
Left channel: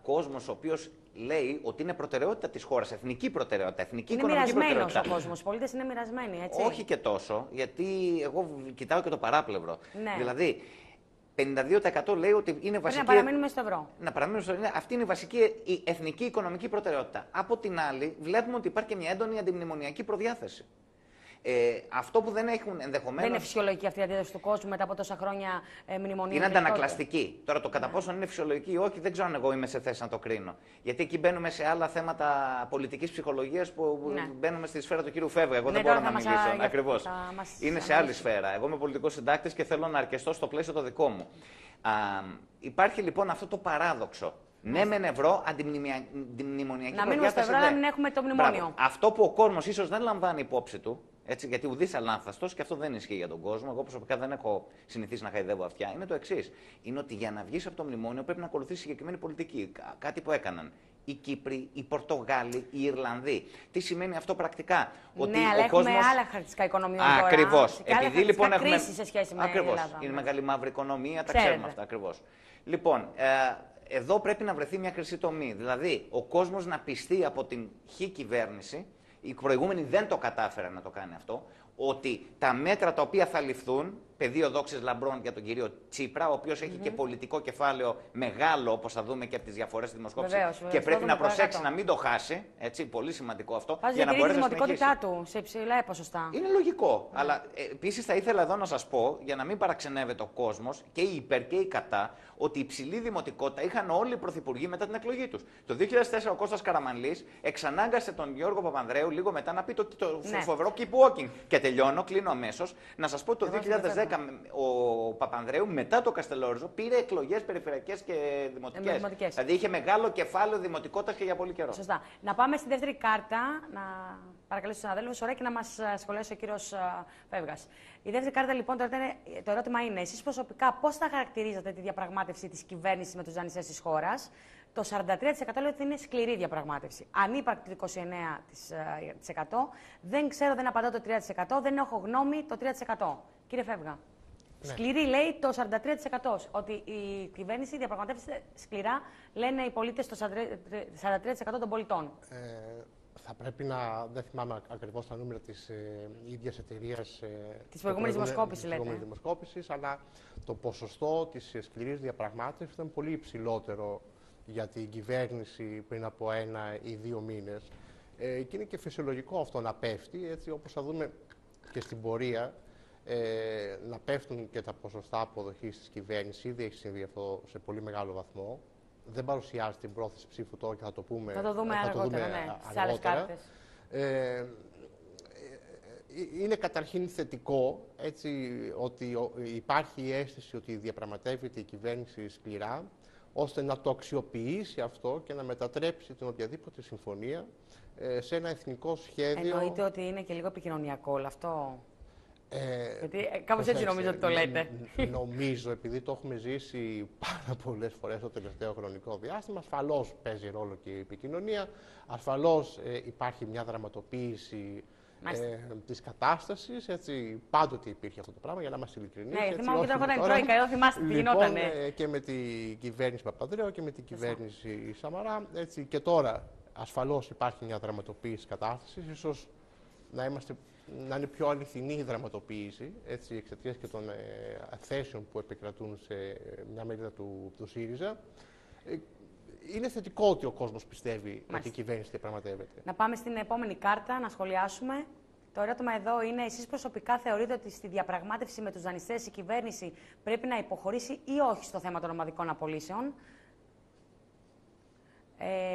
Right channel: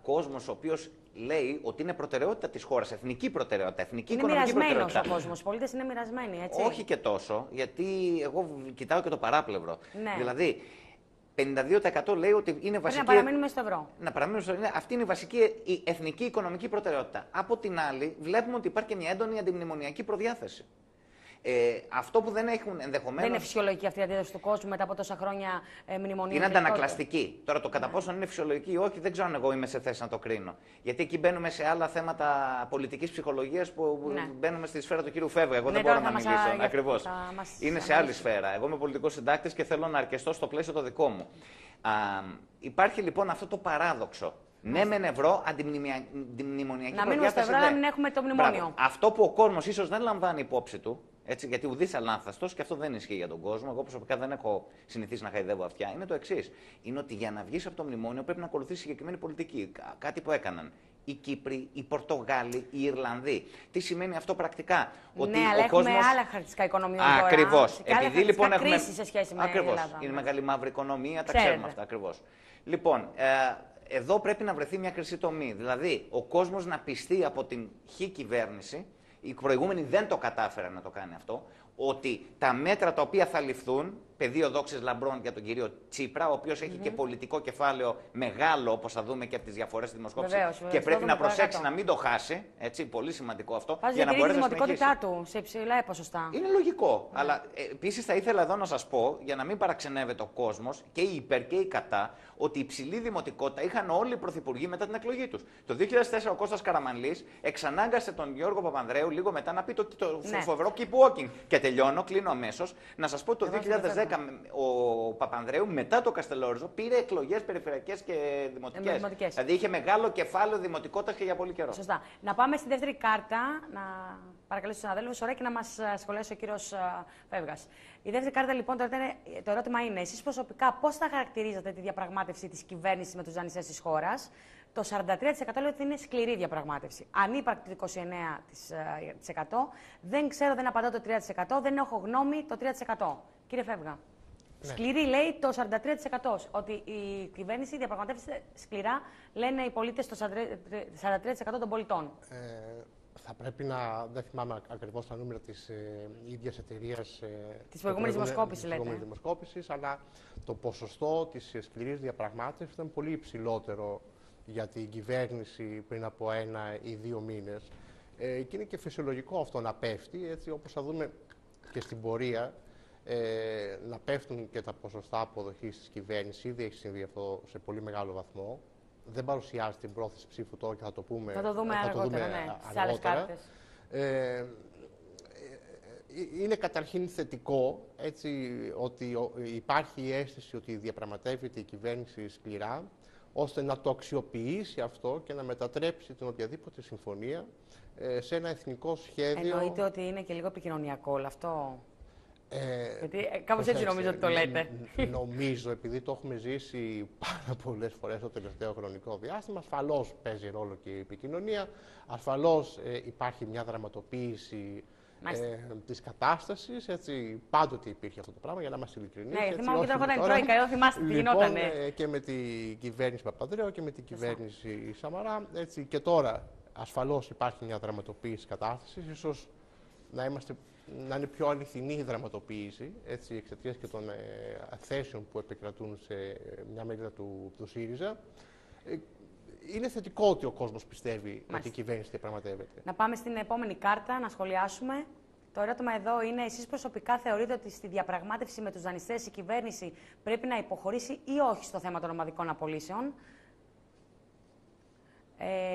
Κόσμος ο οποίος λέει ότι είναι προτεραιότητα της χώρας, εθνική προτεραιότητα, εθνική οικονομική προτεραιότητα. Είναι μοιρασμένος ο κόσμος, πολίτες είναι μοιρασμένοι, έτσι. Όχι και τόσο, γιατί εγώ κοιτάω και το παράπλευρο. Ναι. Δηλαδή, 52% λέει ότι είναι βασική. Να παραμείνουμε στο ευρώ. Να παραμείνουμε στο ευρώ. Αυτή είναι η βασική η εθνική οικονομική προτεραιότητα. Από την άλλη, βλέπουμε ότι υπάρχει και μια έντονη αντιμνημονιακή προδιάθεση. Αυτό που δεν έχουν ενδεχομένως. Δεν είναι φυσιολογική αυτή η αντίδραση του κόσμου μετά από τόσα χρόνια μνημονίων. Είναι αντανακλαστική. Τώρα το κατά πόσο είναι φυσιολογική ή όχι, δεν ξέρω αν εγώ είμαι σε θέση να το κρίνω. Γιατί εκεί μπαίνουμε σε άλλα θέματα πολιτικής ψυχολογίας που μπαίνουμε στη σφαίρα του κύριου Φεύγα. Εγώ δεν μπορώ να μιλήσω. Ακριβώς. Είναι σε άλλη σφαίρα. Εγώ είμαι πολιτικός συντάκτης και θέλω να αρκεστώ στο πλαίσιο το δικό μου. Υπάρχει λοιπόν αυτό το παράδοξο. Ναι, μεν ευρώ, αντιμνημονιακή να μείνουμε στο ευρώ, να μην έχουμε το μνημόνιο. Αυτό που ο κόσμος ίσως δεν λαμβάνει υπόψη του, έτσι, γιατί ουδής αλάνθαστος, και αυτό δεν ισχύει για τον κόσμο. Εγώ προσωπικά δεν έχω συνηθίσει να χαϊδεύω αυτιά. Είναι το εξής. Είναι ότι για να βγεις από το μνημόνιο πρέπει να ακολουθήσεις συγκεκριμένη πολιτική. Κάτι που έκαναν οι Κύπροι, οι Πορτογάλοι, οι Ιρλανδοί. Τι σημαίνει αυτό πρακτικά? Ότι αλλά έχουμε άλλα χαρακτηριστικά οικονομιών. Ακριβώς. Επειδή λοιπόν έχουμε. Κρίση σε σχέση με την Ελλάδα. Είναι μεγάλη μαύρη οικονομία, τα ξέρουμε αυτά ακριβώς. Λοιπόν, εδώ πρέπει να βρεθεί μια χρυσή τομή. Δηλαδή, ο κόσμος να πιστεί από την χ κυβέρνηση, η προηγούμενη δεν το κατάφερε να το κάνει αυτό, ότι τα μέτρα τα οποία θα ληφθούν, πεδίο δόξης λαμπρών για τον κύριο Τσίπρα, ο οποίος έχει και πολιτικό κεφάλαιο μεγάλο, όπως θα δούμε και από τις διαφορές στη δημοσκόπηση, και πρέπει να προσέξει να μην το χάσει, έτσι, πολύ σημαντικό αυτό, για να μπορέσει να συνεχίσει. Η δημοτικότητά του σε υψηλά ποσοστά. Είναι λογικό, αλλά επίσης θα ήθελα εδώ να σας πω, για να μην παραξενεύεται ο κόσμος, και οι υπέρ και οι κατά, ότι η υψηλή δημοτικότητα είχαν όλοι οι πρωθυπουργοί μετά την εκλογή τους. Το 2004 ο Κώστας Καραμανλής εξανάγκασε τον Γιώργο Παπανδρέου λίγο μετά να πει το φοβερό keep walking. Και τελειώνω, κλείνω αμέσως, να σας πω ότι το 2010 ο Παπανδρέου μετά το Καστελόριζο πήρε εκλογές περιφερειακές και δημοτικές. Δηλαδή είχε μεγάλο κεφάλαιο δημοτικότητας και για πολύ καιρό. Σωστά. Να πάμε στη δεύτερη κάρτα, να παρακαλέσω τους συναδέλφους, ωραία, και να μας σχολιάσει ο κύριος Φεύγας. Η δεύτερη κάρτα λοιπόν, το ερώτημα είναι, εσείς προσωπικά πώς θα χαρακτηρίζετε τη διαπραγμάτευση της κυβέρνησης με τους δανειστές της χώρας? Το 43% λέει ότι είναι σκληρή διαπραγμάτευση. Ανύπαρκτη το 29%. Δεν ξέρω, δεν απαντώ το 3%. Δεν έχω γνώμη το 3%. Κύριε Φεύγα. Ναι. Σκληρή λέει το 43%. Ότι η κυβέρνηση διαπραγματεύεται σκληρά, λένε οι πολίτες, το 43% των πολιτών. Θα πρέπει να, δεν θυμάμαι ακριβώς τα νούμερα της ίδιας εταιρείας της προηγούμενης δημοσκόπησης, αλλά το ποσοστό της σκληρής διαπραγμάτευσης ήταν πολύ υψηλότερο για την κυβέρνηση πριν από 1 ή 2 μήνες. Και είναι και φυσιολογικό αυτό να πέφτει, έτσι όπως θα δούμε και στην πορεία, να πέφτουν και τα ποσοστά αποδοχής της κυβέρνησης. Ήδη έχει συμβεί αυτό σε πολύ μεγάλο βαθμό. Δεν παρουσιάζει την πρόθεση ψήφου τώρα και θα το πούμε, αργότερα. Είναι καταρχήν θετικό, έτσι, ότι υπάρχει η αίσθηση ότι διαπραγματεύεται η κυβέρνηση σκληρά, ώστε να το αξιοποιήσει αυτό και να μετατρέψει την οποιαδήποτε συμφωνία σε ένα εθνικό σχέδιο. Εννοείται ότι είναι και λίγο επικοινωνιακό όλο αυτό? Γιατί κάπως έτσι νομίζω ότι το λέτε. Νομίζω, επειδή το έχουμε ζήσει πάρα πολλές φορές το τελευταίο χρονικό διάστημα, ασφαλώς παίζει ρόλο και η επικοινωνία, ασφαλώς υπάρχει μια δραματοποίηση της κατάστασης, έτσι, πάντοτε υπήρχε αυτό το πράγμα, για να είμαστε ειλικρινείς. Ναι, θυμάμαι και όταν ήταν Τρόικα, εδώ θυμάστε τι γινότανε. Και με την κυβέρνηση Παπανδρέου και με την κυβέρνηση Σαμαρά, έτσι, και τώρα ασφαλώς υπάρχει μια δραματοποίηση της κατάστασης, ίσως να είναι πιο αληθινή η δραματοποίηση, εξαιτίας και των θέσεων που επικρατούν σε μια μερίδα του ΣΥΡΙΖΑ. Είναι θετικό ότι ο κόσμος πιστεύει ότι η κυβέρνηση διαπραγματεύεται. Να πάμε στην επόμενη κάρτα, να σχολιάσουμε. Το ερώτημα εδώ είναι, εσείς προσωπικά θεωρείτε ότι στη διαπραγμάτευση με τους δανειστές η κυβέρνηση πρέπει να υποχωρήσει ή όχι στο θέμα των ομαδικών απολύσεων?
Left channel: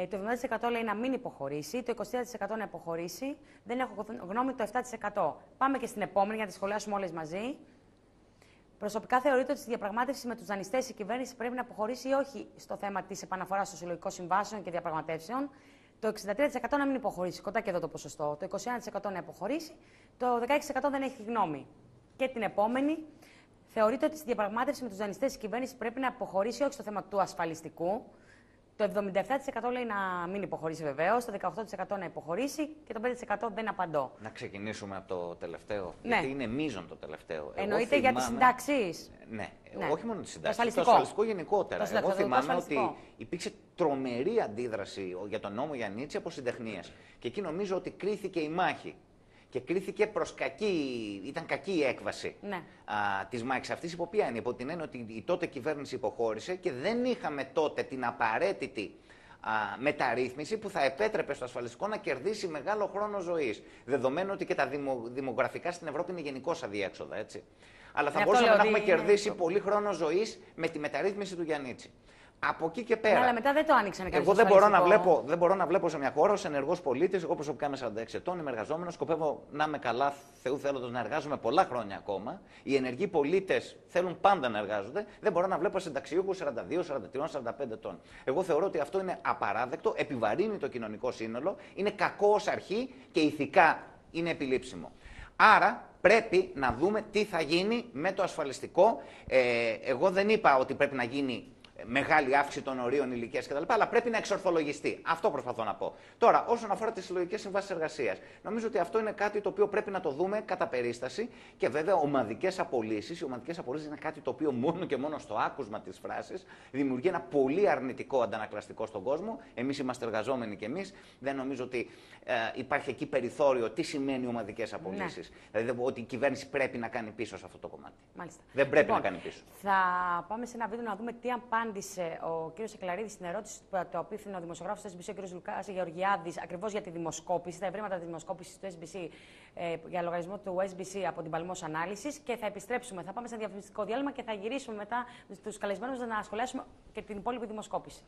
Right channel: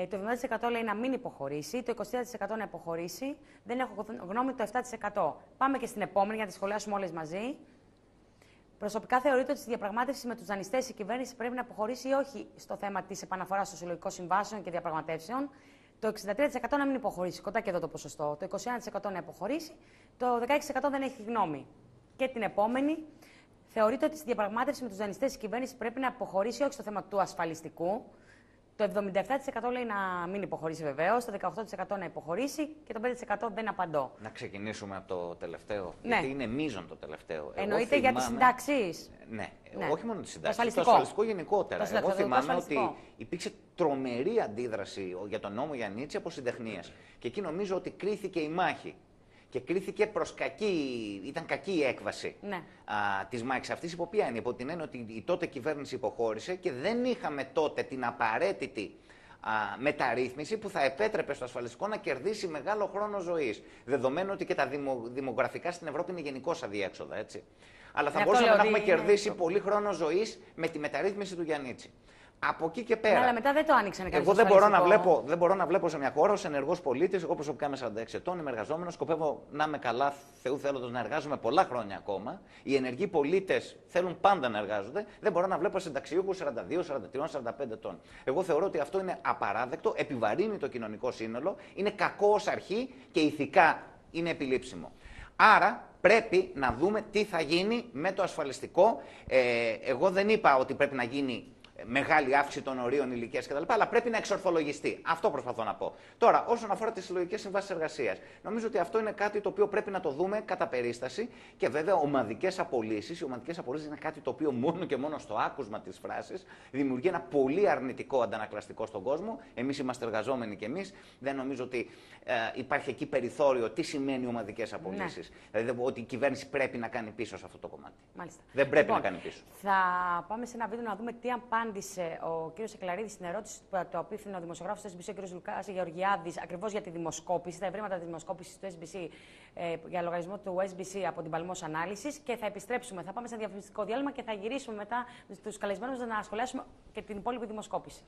Το 70% λέει να μην υποχωρήσει, το 23% να υποχωρήσει, δεν έχω γνώμη το 7%. Πάμε και στην επόμενη για να τις σχολιάσουμε όλες μαζί. Προσωπικά θεωρείτε ότι στη διαπραγμάτευση με τους δανειστές η κυβέρνηση πρέπει να αποχωρήσει ή όχι στο θέμα της επαναφοράς των συλλογικών συμβάσεων και διαπραγματεύσεων? Το 63% να μην υποχωρήσει, κοντά και εδώ το ποσοστό. Το 21% να υποχωρήσει, το 16% δεν έχει γνώμη. Και την επόμενη, θεωρείτε ότι στη διαπραγμάτευση με τους δανειστές η κυβέρνηση πρέπει να αποχωρήσει όχι στο θέμα του ασφαλιστικού? Το 77% λέει να μην υποχωρήσει βεβαίως, το 18% να υποχωρήσει και το 5% δεν απαντώ. Να ξεκινήσουμε από το τελευταίο, γιατί είναι μείζον το τελευταίο. Εννοείται για τις συντάξεις? Ναι, όχι μόνο τις συντάξεις, το ασφαλιστικό γενικότερα. Εγώ θυμάμαι ότι υπήρξε τρομερή αντίδραση για τον νόμο Γιαννίτση από συντεχνίες. Και εκεί νομίζω ότι κρίθηκε η μάχη. Και κρίθηκε προς ήταν κακή η έκβαση της μάχης αυτής, υπό ποια είναι? Υπό την έννοια ότι η τότε κυβέρνηση υποχώρησε και δεν είχαμε τότε την απαραίτητη μεταρρύθμιση που θα επέτρεπε στο ασφαλιστικό να κερδίσει μεγάλο χρόνο ζωής. Δεδομένου ότι και τα δημογραφικά στην Ευρώπη είναι γενικώς αδιέξοδα, έτσι. Αλλά θα μπορούσαμε να έχουμε κερδίσει πολύ χρόνο ζωής με τη μεταρρύθμιση του Γιαννίτση. Από εκεί και πέρα. Αλλά μετά δεν το άνοιξαν κανείς. Εγώ δεν μπορώ να βλέπω σε μια χώρα ως ενεργός πολίτης. Εγώ προσωπικά είμαι 46 ετών, είμαι εργαζόμενος. Σκοπεύω να είμαι καλά, Θεού θέλοντος, να εργάζομαι πολλά χρόνια ακόμα. Οι ενεργοί πολίτες θέλουν πάντα να εργάζονται. Δεν μπορώ να βλέπω συνταξιούχους 42, 43, 45 ετών. Εγώ θεωρώ ότι αυτό είναι απαράδεκτο, επιβαρύνει το κοινωνικό σύνολο, είναι κακό ως αρχή και ηθικά είναι επιλήψιμο. Άρα πρέπει να δούμε τι θα γίνει με το ασφαλιστικό. Εγώ δεν είπα ότι πρέπει να γίνει μεγάλη αύξηση των ορίων ηλικίας κτλ. Αλλά πρέπει να εξορθολογιστεί. Αυτό προσπαθώ να πω. Τώρα, όσον αφορά τις συλλογικές συμβάσεις εργασίας, νομίζω ότι αυτό είναι κάτι το οποίο πρέπει να το δούμε κατά περίσταση και βέβαια ομαδικές απολύσεις. Οι ομαδικές απολύσεις είναι κάτι το οποίο μόνο και μόνο στο άκουσμα της φράσης δημιουργεί ένα πολύ αρνητικό αντανακλαστικό στον κόσμο. Εμείς είμαστε εργαζόμενοι κι εμείς. Δεν νομίζω ότι υπάρχει εκεί περιθώριο τι σημαίνει ομαδικές απολύσεις. Ναι. Δηλαδή ότι η κυβέρνηση πρέπει να κάνει πίσω σε αυτό το κομμάτι. Μάλιστα. Δεν πρέπει να κάνει πίσω. Θα πάμε σε ένα βίντεο να δούμε τι απάντησε ο κ. Σεκλαρίδης στην ερώτηση το απίφθηνε ο δημοσιογράφος του SBC, ο κ. Λουκάς Γεωργιάδης, ακριβώς για τη δημοσκόπηση, τα ευρήματα της δημοσκόπησης του SBC για λογαριασμό του SBC από την Παλμός Ανάλυσης. Και θα επιστρέψουμε, θα πάμε σε ένα διαφημιστικό διάλειμμα και θα γυρίσουμε μετά στους καλεσμένους να σχολιάσουμε και την υπόλοιπη δημοσκόπηση.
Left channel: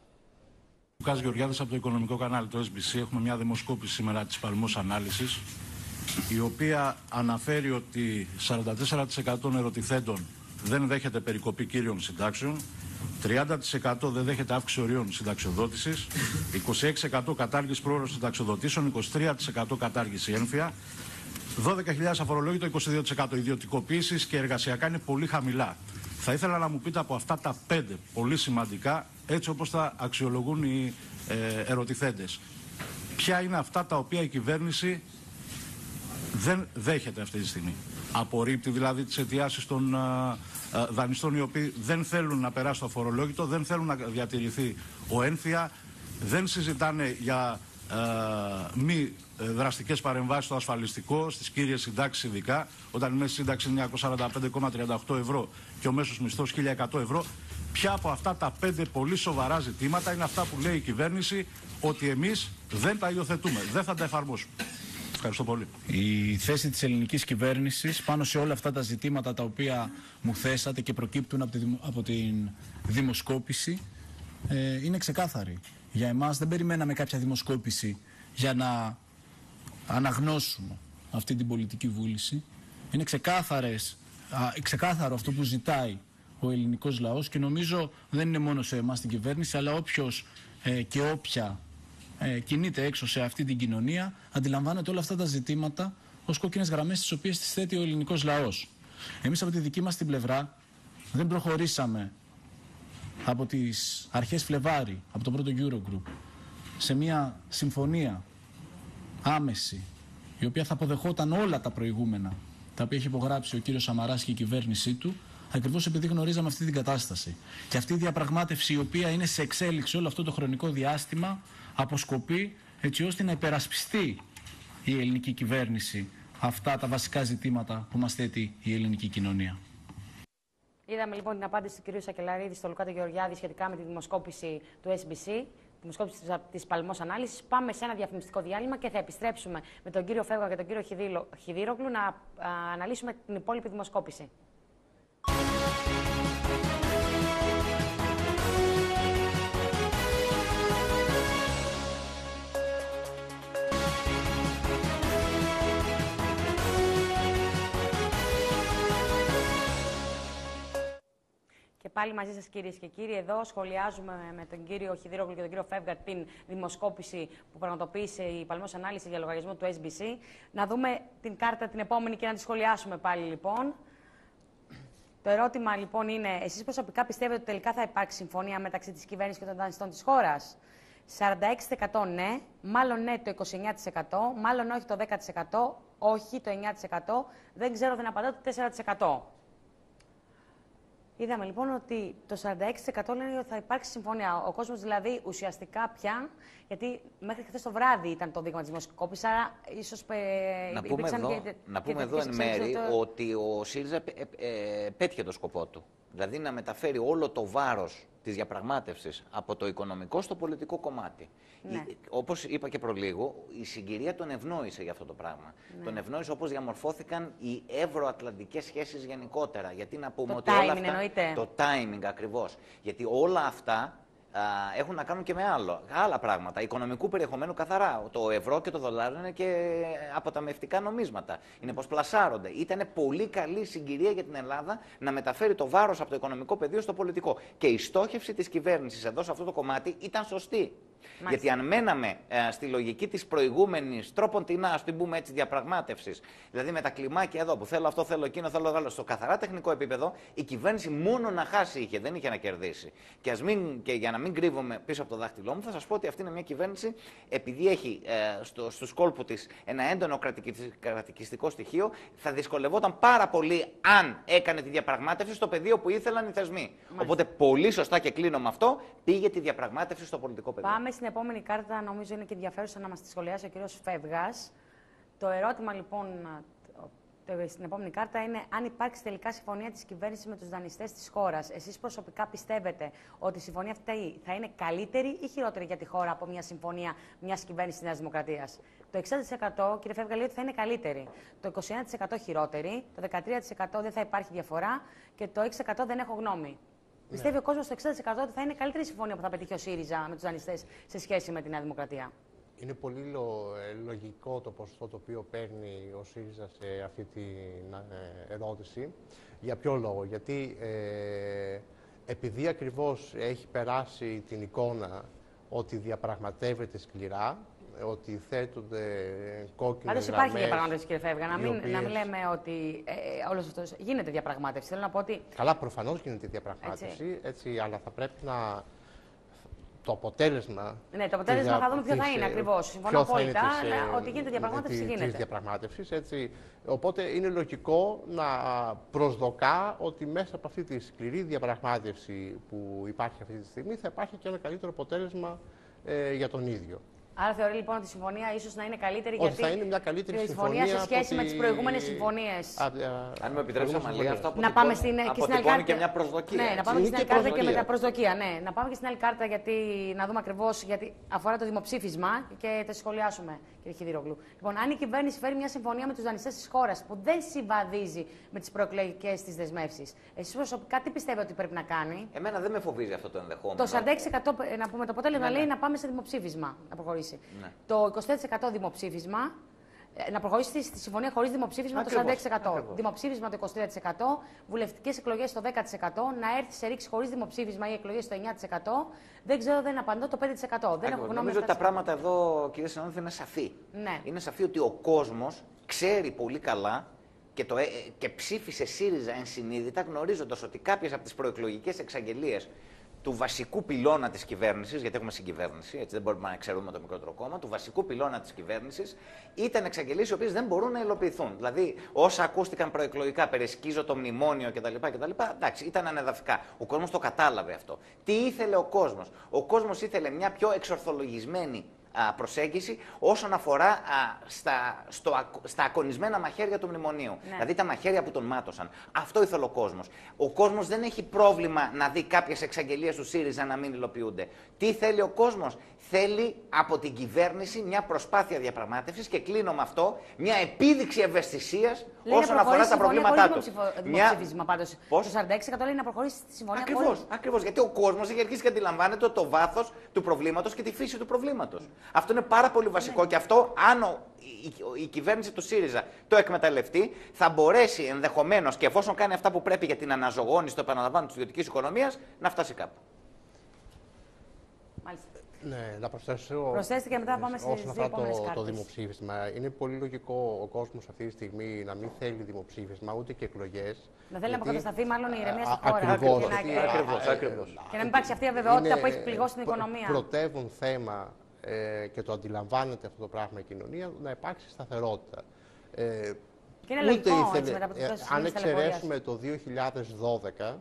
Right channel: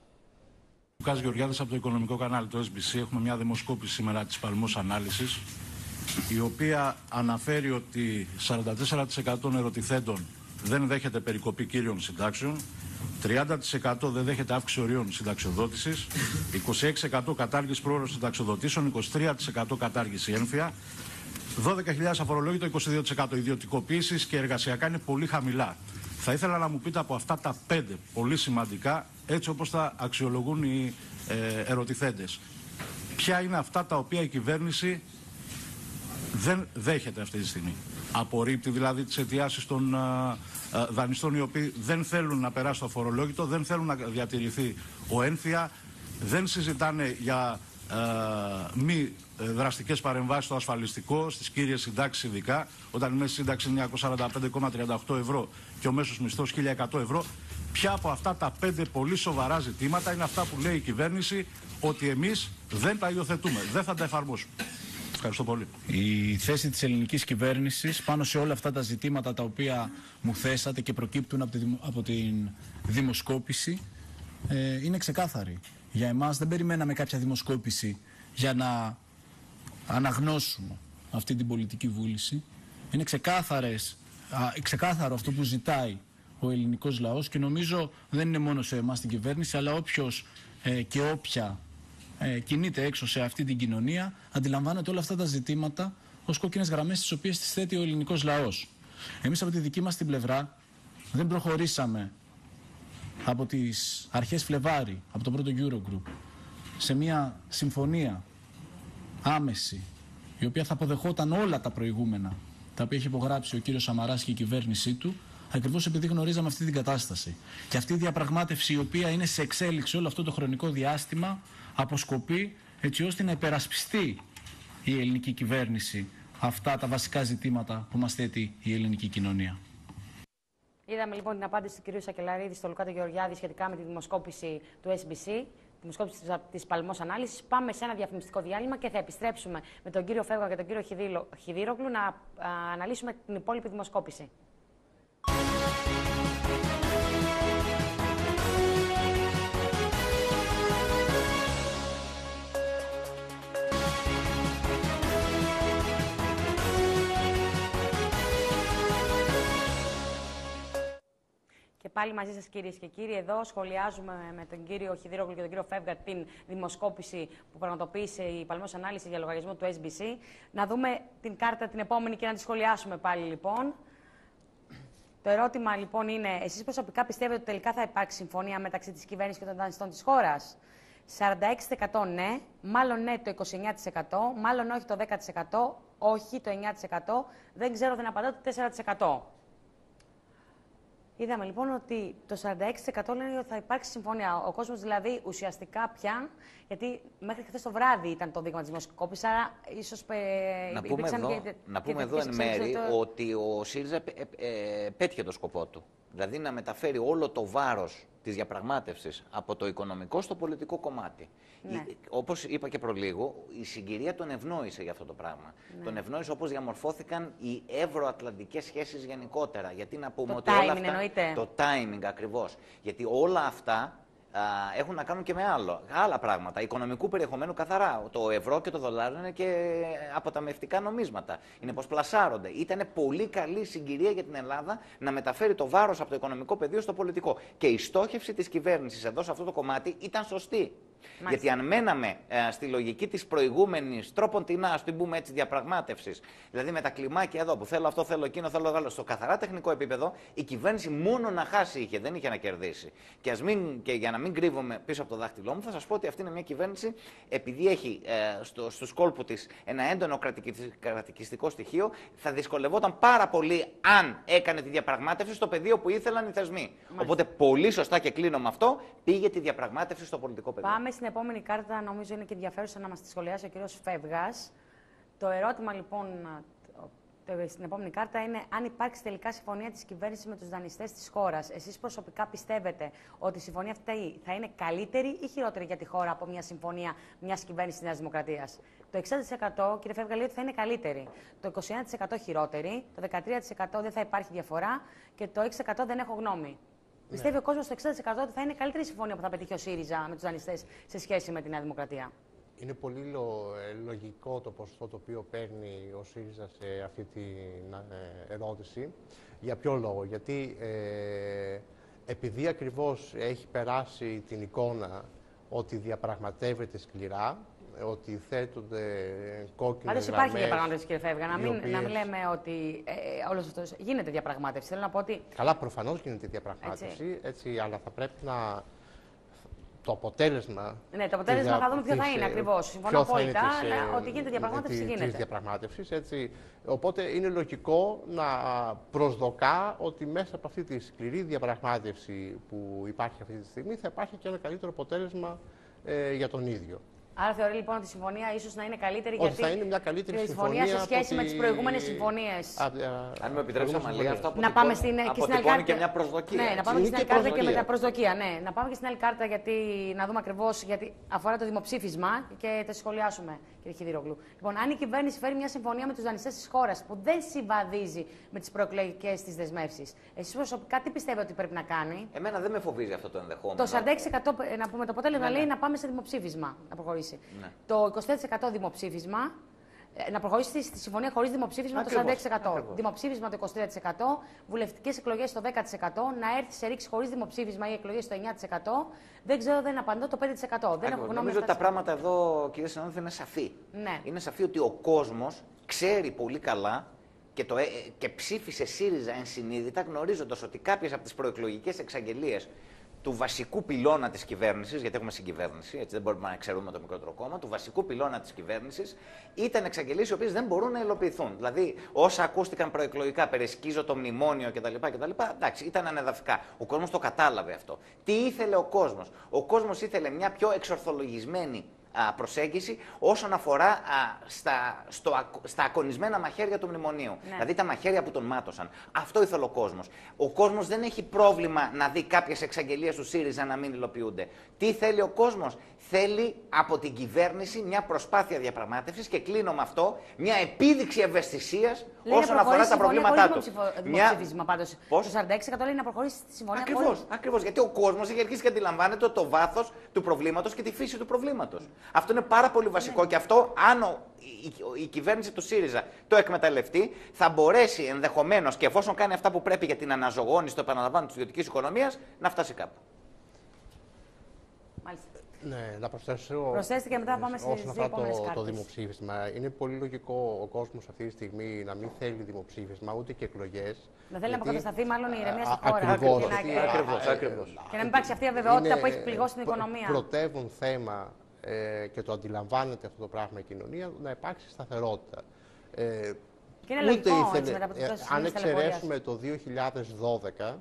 Λουκάς Γεωργιάδης από το οικονομικό κανάλι του SBC. Έχουμε μια δημοσκόπηση σήμερα της Παλμός Ανάλυσης, η οποία αναφέρει ότι 44% των ερωτηθέντων δεν δέχεται περικοπή κύριων συντάξεων, 30% δεν δέχεται αύξηση ορίων συνταξιοδότησης, 26% κατάργηση πρόωρων συνταξιοδοτήσεων, 23% κατάργηση έμφυα, 12.000 αφορολόγητο, 22% ιδιωτικοποίησης και εργασιακά είναι πολύ χαμηλά. Θα ήθελα να μου πείτε από αυτά τα 5 πολύ σημαντικά, έτσι όπως τα αξιολογούν οι ερωτηθέντες, ποια είναι αυτά τα οποία η κυβέρνηση δεν δέχεται αυτή τη στιγμή. Απορρίπτει δηλαδή τις αιτιάσεις των δανειστών οι οποίοι δεν θέλουν να περάσει το αφορολόγητο, δεν θέλουν να διατηρηθεί ο έμφυα, δεν συζητάνε για μη δραστικές παρεμβάσεις στο ασφαλιστικό, στις κύριες συντάξεις ειδικά, όταν η μέση σύνταξη είναι 945,38 ευρώ και ο μέσος μισθός 1.100 ευρώ. Ποια από αυτά τα 5 πολύ σοβαρά ζητήματα είναι αυτά που λέει η κυβέρνηση ότι εμείς δεν τα υιοθετούμε, δεν θα τα εφαρμόσουμε. Ευχαριστώ πολύ. Η θέση της ελληνικής κυβέρνησης πάνω σε όλα αυτά τα ζητήματα τα οποία μου θέσατε και προκύπτουν από την δημοσκόπηση είναι ξεκάθαρη. Για εμάς δεν περιμέναμε κάποια δημοσκόπηση για να αναγνώσουμε αυτή την πολιτική βούληση. Είναι ξεκάθαρο αυτό που ζητάει ο ελληνικός λαός και νομίζω δεν είναι μόνο σε εμάς την κυβέρνηση, αλλά όποιος και όποια κινείται έξω σε αυτή την κοινωνία αντιλαμβάνεται όλα αυτά τα ζητήματα ως κόκκινες γραμμές τις οποίες τις θέτει ο ελληνικός λαός. Εμείς από τη δική μας την πλευρά δεν προχωρήσαμε από τις αρχές Φλεβάρι, από το πρώτο Eurogroup, σε μια συμφωνία άμεση, η οποία θα αποδεχόταν όλα τα προηγούμενα, τα οποία έχει υπογράψει ο κύριος Σαμαράς και η κυβέρνησή του, ακριβώς επειδή γνωρίζαμε αυτή την κατάσταση. Και αυτή η διαπραγμάτευση, η οποία είναι σε εξέλιξη όλο αυτό το χρονικό διάστημα, αποσκοπεί έτσι ώστε να υπερασπιστεί η ελληνική κυβέρνηση αυτά τα βασικά ζητήματα που μας θέτει η ελληνική κοινωνία. Είδαμε λοιπόν την απάντηση του κ. Σακελαρίδη στο Λουκά Γεωργιάδη σχετικά με τη δημοσκόπηση του SBC, τη δημοσκόπηση της Παλμός Ανάλυσης. Πάμε σε ένα διαφημιστικό διάλειμμα και θα επιστρέψουμε με τον κύριο Φεύγα και τον κύριο Χιδίρογλου να αναλύσουμε την υπόλοιπη δημοσκόπηση. Πάλι μαζί σας κυρίες και κύριοι, εδώ σχολιάζουμε με τον κύριο Χιδίρογλου και τον κύριο Φεύγα την δημοσκόπηση που πραγματοποίησε η Παλμός Ανάλυση για λογαριασμό του SBC. Να δούμε την κάρτα την επόμενη και να τη σχολιάσουμε πάλι λοιπόν. Το ερώτημα λοιπόν είναι, εσείς προσωπικά πιστεύετε ότι τελικά θα υπάρξει συμφωνία μεταξύ της κυβέρνησης και των δανειστών της χώρας? 46% ναι, μάλλον ναι το 29%, μάλλον όχι το 10%, όχι το 9%, δεν ξέρω, δεν απαντάω το 4%. Είδαμε λοιπόν ότι το 46% λένε ότι θα υπάρξει συμφωνία. Ο κόσμος δηλαδή ουσιαστικά πια, γιατί μέχρι χθες το βράδυ ήταν το δείγμα της δημοσκόπησης, άρα ίσως να πούμε εδώ εν μέρη ότι ο ΣΥΡΙΖΑ πέτυχε το σκοπό του. Δηλαδή να μεταφέρει όλο το βάρος της διαπραγμάτευσης από το οικονομικό στο πολιτικό κομμάτι. Ναι. Όπως είπα και προλίγου, η συγκυρία τον ευνόησε για αυτό το πράγμα. Ναι. Τον ευνόησε όπως διαμορφώθηκαν οι ευρωατλαντικές σχέσεις γενικότερα. Γιατί να πούμε ότι όλα αυτά, εννοείται. Το timing ακριβώς. Γιατί όλα αυτά έχουν να κάνουν και με άλλα πράγματα. Οικονομικού περιεχομένου καθαρά. Το ευρώ και το δολάριο είναι και αποταμιευτικά νομίσματα. Είναι πως πλασάρονται. Ήταν πολύ καλή συγκυρία για την Ελλάδα να μεταφέρει το βάρος από το οικονομικό πεδίο στο πολιτικό. Και η στόχευση της κυβέρνησης εδώ σε αυτό το κομμάτι ήταν σωστή. Μάλιστα. Γιατί αν μέναμε στη λογική της προηγούμενης τρόποντινά, ας την πούμε έτσι, διαπραγμάτευσης, δηλαδή με τα κλιμάκια εδώ που θέλω αυτό, θέλω εκείνο, θέλω άλλο, στο καθαρά τεχνικό επίπεδο, η κυβέρνηση μόνο να χάσει είχε, δεν είχε να κερδίσει. Και για να μην κρύβομαι πίσω από το δάχτυλό μου, θα σας πω ότι αυτή είναι μια κυβέρνηση, επειδή έχει στους κόλπους της ένα έντονο κρατικιστικό στοιχείο, θα δυσκολευόταν πάρα πολύ αν έκανε τη διαπραγμάτευση στο πεδίο που ήθελαν οι θεσμοί. Μάλιστα. Οπότε πολύ σωστά και κλείνω με αυτό, πήγε τη διαπραγμάτευση στο πολιτικό πεδίο. Πάμε στην επόμενη κάρτα, νομίζω είναι και ενδιαφέρουσα να μας τη σχολιάσει ο κύριος Φεύγας. Το ερώτημα λοιπόν στην επόμενη κάρτα είναι αν υπάρξει τελικά συμφωνία της κυβέρνησης με τους δανειστές της χώρας. Εσείς προσωπικά πιστεύετε ότι η συμφωνία αυτή θα είναι καλύτερη ή χειρότερη για τη χώρα από μια συμφωνία μιας κυβέρνησης της Νέας Δημοκρατίας? Το 60% κύριε Φεύγα λέει ότι θα είναι καλύτερη. Το 21% χειρότερη. Το 13% δεν θα υπάρχει διαφορά. Και το 6% δεν έχω γνώμη. Ναι. Πιστεύει ο κόσμος στο 60% ότι θα είναι καλύτερη συμφωνία που θα πετύχει ο ΣΥΡΙΖΑ με τους δανειστές σε σχέση με τη Νέα Δημοκρατία? Είναι πολύ λογικό το ποσοστό το οποίο παίρνει ο ΣΥΡΙΖΑ σε αυτή την ερώτηση. Για ποιο λόγο? Γιατί επειδή ακριβώς έχει περάσει την εικόνα ότι διαπραγματεύεται σκληρά, ότι θέτονται κόκκινες γραμμές. Πάντως υπάρχει διαπραγμάτευση, κύριε Φεύγα. Να μην λέμε ότι όλος αυτός γίνεται διαπραγμάτευση. Θέλω να πω ότι... Καλά, προφανώς γίνεται διαπραγμάτευση, έτσι, αλλά θα πρέπει να... Το αποτέλεσμα. Ναι, το αποτέλεσμα θα δούμε ποιο θα είναι ακριβώς. Συμφωνώ απόλυτα, ότι γίνεται διαπραγμάτευση. Της διαπραγμάτευσης, έτσι. Οπότε είναι λογικό να προσδοκά ότι μέσα από αυτή τη σκληρή διαπραγμάτευση που υπάρχει αυτή τη στιγμή θα υπάρχει και ένα καλύτερο αποτέλεσμα για τον ίδιο. Άρα θεωρεί λοιπόν ότι η συμφωνία ίσως να είναι καλύτερη, γιατί θα είναι μια καλύτερη συμφωνία σε σχέση με τις προηγούμενες συμφωνίες. Αν μου επιτρέψετε, Αμαλία, αυτό να πάμε στην αποτυπώνει και μια προσδοκία. Ναι, να πάμε στην άλλη κάρτα και με τα προσδοκία. Ναι, να πάμε και στην άλλη κάρτα γιατί να δούμε ακριβώς, γιατί αφορά το δημοψήφισμα και θα σχολιάσουμε, κύριε Χιδηρόγλου. Λοιπόν, αν η κυβέρνηση φέρει μια συμφωνία με τους δανειστές της χώρας που δεν συμβαδίζει με τις προεκλογικές της δεσμεύσεις, εσείς προσωπικά τι πιστεύετε ότι πρέπει να κάνει? Εμένα δεν με φοβίζει αυτό το ενδεχόμενο. Το 46% να πούμε το αποτέλεσμα λέει να πάμε σε δημοψήφισμα, να προχωρήσει. Ναι. Το 24% δημοψήφισμα, να προχωρήσει στη συμφωνία χωρίς δημοψήφισμα το 46%. Δημοψήφισμα το 23%, βουλευτικές εκλογές το 10%, να έρθει σε ρήξη χωρίς δημοψήφισμα ή εκλογές το 9%. Δεν ξέρω, δεν απαντώ το 5%. Δεν έχω γνώμη. Νομίζω ότι τα πράγματα εδώ, κύριε συνάδελφε, είναι σαφή. Ναι. Είναι σαφή ότι ο κόσμος ξέρει πολύ καλά και ψήφισε ΣΥΡΙΖΑ ενσυνείδητα, γνωρίζοντας ότι κάποιες από τις προεκλογικές εξαγγελίες του βασικού πυλώνα της κυβέρνησης, γιατί έχουμε συγκυβέρνηση, έτσι δεν μπορούμε να εξαιρούμε το μικρότερο κόμμα, του βασικού πυλώνα της κυβέρνησης, ήταν εξαγγελίες οι οποίες δεν μπορούν να υλοποιηθούν. Δηλαδή, όσα ακούστηκαν προεκλογικά, περαισκίζω το μνημόνιο κτλ. Εντάξει, ήταν ανεδαφικά. Ο κόσμος το κατάλαβε αυτό. Τι ήθελε ο κόσμος? Ο κόσμος ήθελε μια πιο εξορθολογισμένη προσέγγιση όσον αφορά στα ακονισμένα μαχαίρια του μνημονίου. Ναι. Δηλαδή τα μαχαίρια που τον μάτωσαν. Αυτό ήθελε ο κόσμος. Ο κόσμος δεν έχει πρόβλημα να δει κάποιες εξαγγελίες του ΣΥΡΙΖΑ να μην υλοποιούνται. Τι θέλει ο κόσμος? Θέλει από την κυβέρνηση μια προσπάθεια διαπραγμάτευσης και κλείνω με αυτό, μια επίδειξη ευαισθησίας όσον αφορά τα προβλήματά του. Δημοψήφισμα πάντως. Το 46% λέει να προχωρήσει τη συμφωνία. Ακριβώς. Γιατί ο κόσμος έχει αρχίσει και αντιλαμβάνεται το βάθος του προβλήματος και τη φύση του προβλήματος. Αυτό είναι πάρα πολύ βασικό και αυτό, αν η κυβέρνηση του ΣΥΡΙΖΑ το εκμεταλλευτεί, θα μπορέσει ενδεχομένως και εφόσον κάνει αυτά που πρέπει για την αναζωογόνηση, το επαναλαμβάνω, της ιδιωτικής οικονομίας, να φτάσει κάπου. Ναι, να προσθέσω. Προσθέστε και μετά πάμε στις δύο επόμενες κάρτες. Το δημοψήφισμα. Είναι πολύ λογικό ο κόσμος αυτή τη στιγμή να μην θέλει δημοψήφισμα ούτε και εκλογές. Να θέλει να αποκατασταθεί μάλλον η ηρεμία στη χώρα. Ακριβώς. Και να μην υπάρξει αυτή η αβεβαιότητα που έχει πληγώσει την οικονομία. Πρωτεύουν θέμα και το αντιλαμβάνεται αυτό το πράγμα η κοινωνία, να υπάρξει σταθερότητα. Και είναι λογικό, αν εξαιρέσουμε το 2012,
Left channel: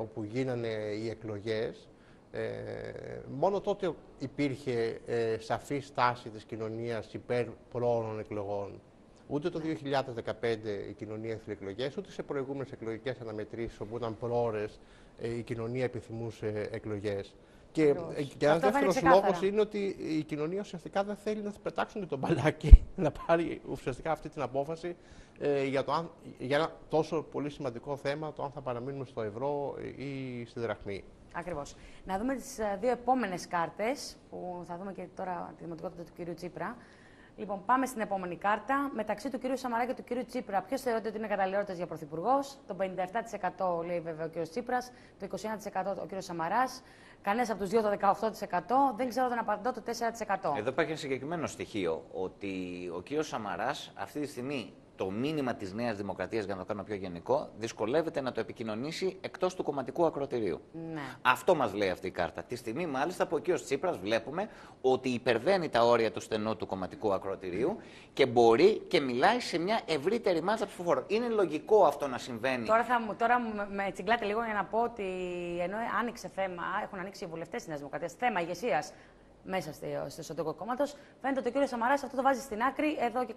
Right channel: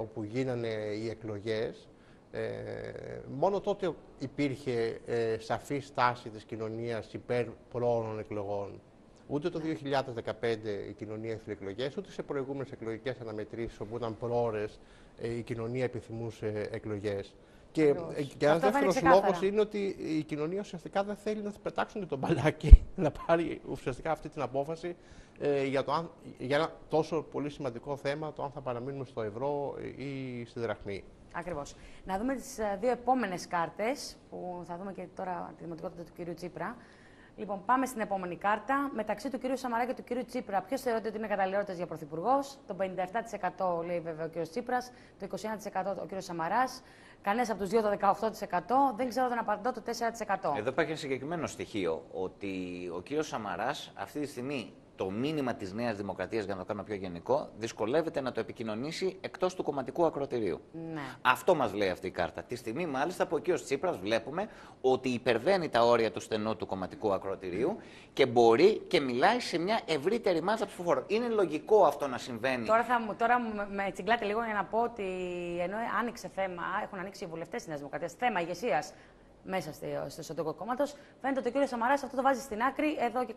όπου γίνανε οι εκλογές, μόνο τότε υπήρχε σαφή στάση της κοινωνίας υπέρ προώρων εκλογών. Ούτε το 2015 η κοινωνία ήθελε εκλογές, ούτε σε προηγούμενες εκλογικές αναμετρήσεις όπου ήταν προώρες η κοινωνία επιθυμούσε εκλογές. Και ένας δεύτερος λόγος είναι ότι η κοινωνία ουσιαστικά δεν θέλει να πετάξουν και τον μπαλάκι να πάρει ουσιαστικά αυτή την απόφαση για ένα τόσο πολύ σημαντικό θέμα, το αν θα παραμείνουμε στο ευρώ ή στη δραχμή. Ακριβώς. Να δούμε τις δύο επόμενες κάρτες, που θα δούμε και τώρα τη δημοτικότητα του κυρίου Τσίπρα. Λοιπόν, πάμε στην επόμενη κάρτα. Μεταξύ του κυρίου Σαμαρά και του κυρίου Τσίπρα, ποιος θεωρείται ότι είναι καταλληλότερος για πρωθυπουργός? Το 57% λέει βέβαια ο κύριος Τσίπρας, το 21% ο κύριος Σαμαράς. Κανένας από τους δύο το 18%. Δεν ξέρω, δεν απαντώ, το 4%. Εδώ υπάρχει ένα συγκεκριμένο στοιχείο, ότι ο κύριος Σαμαράς αυτή τη στιγμή το μήνυμα της Νέας Δημοκρατίας, για να το κάνω πιο γενικό, δυσκολεύεται να το επικοινωνήσει εκτός του κομματικού ακροατηρίου. Ναι. Αυτό μας λέει αυτή η κάρτα. Τη στιγμή, μάλιστα, που ο κύριος Τσίπρας βλέπουμε ότι υπερβαίνει τα όρια του στενού του κομματικού ακροατηρίου και μπορεί και μιλάει σε μια ευρύτερη μάζα ψηφοφόρων. Είναι λογικό αυτό να συμβαίνει. Τώρα με τσιγκλάτε λίγο για να πω ότι ενώ άνοιξε θέμα, έχουν ανοίξει οι βουλευτές της Νέας Δημοκρατίας, θέμα ηγεσίας μέσα στο εσωτερικό κόμματο. Φαίνεται ότι ο κ. Σαμαράς αυτό το βάζει στην άκρη εδώ και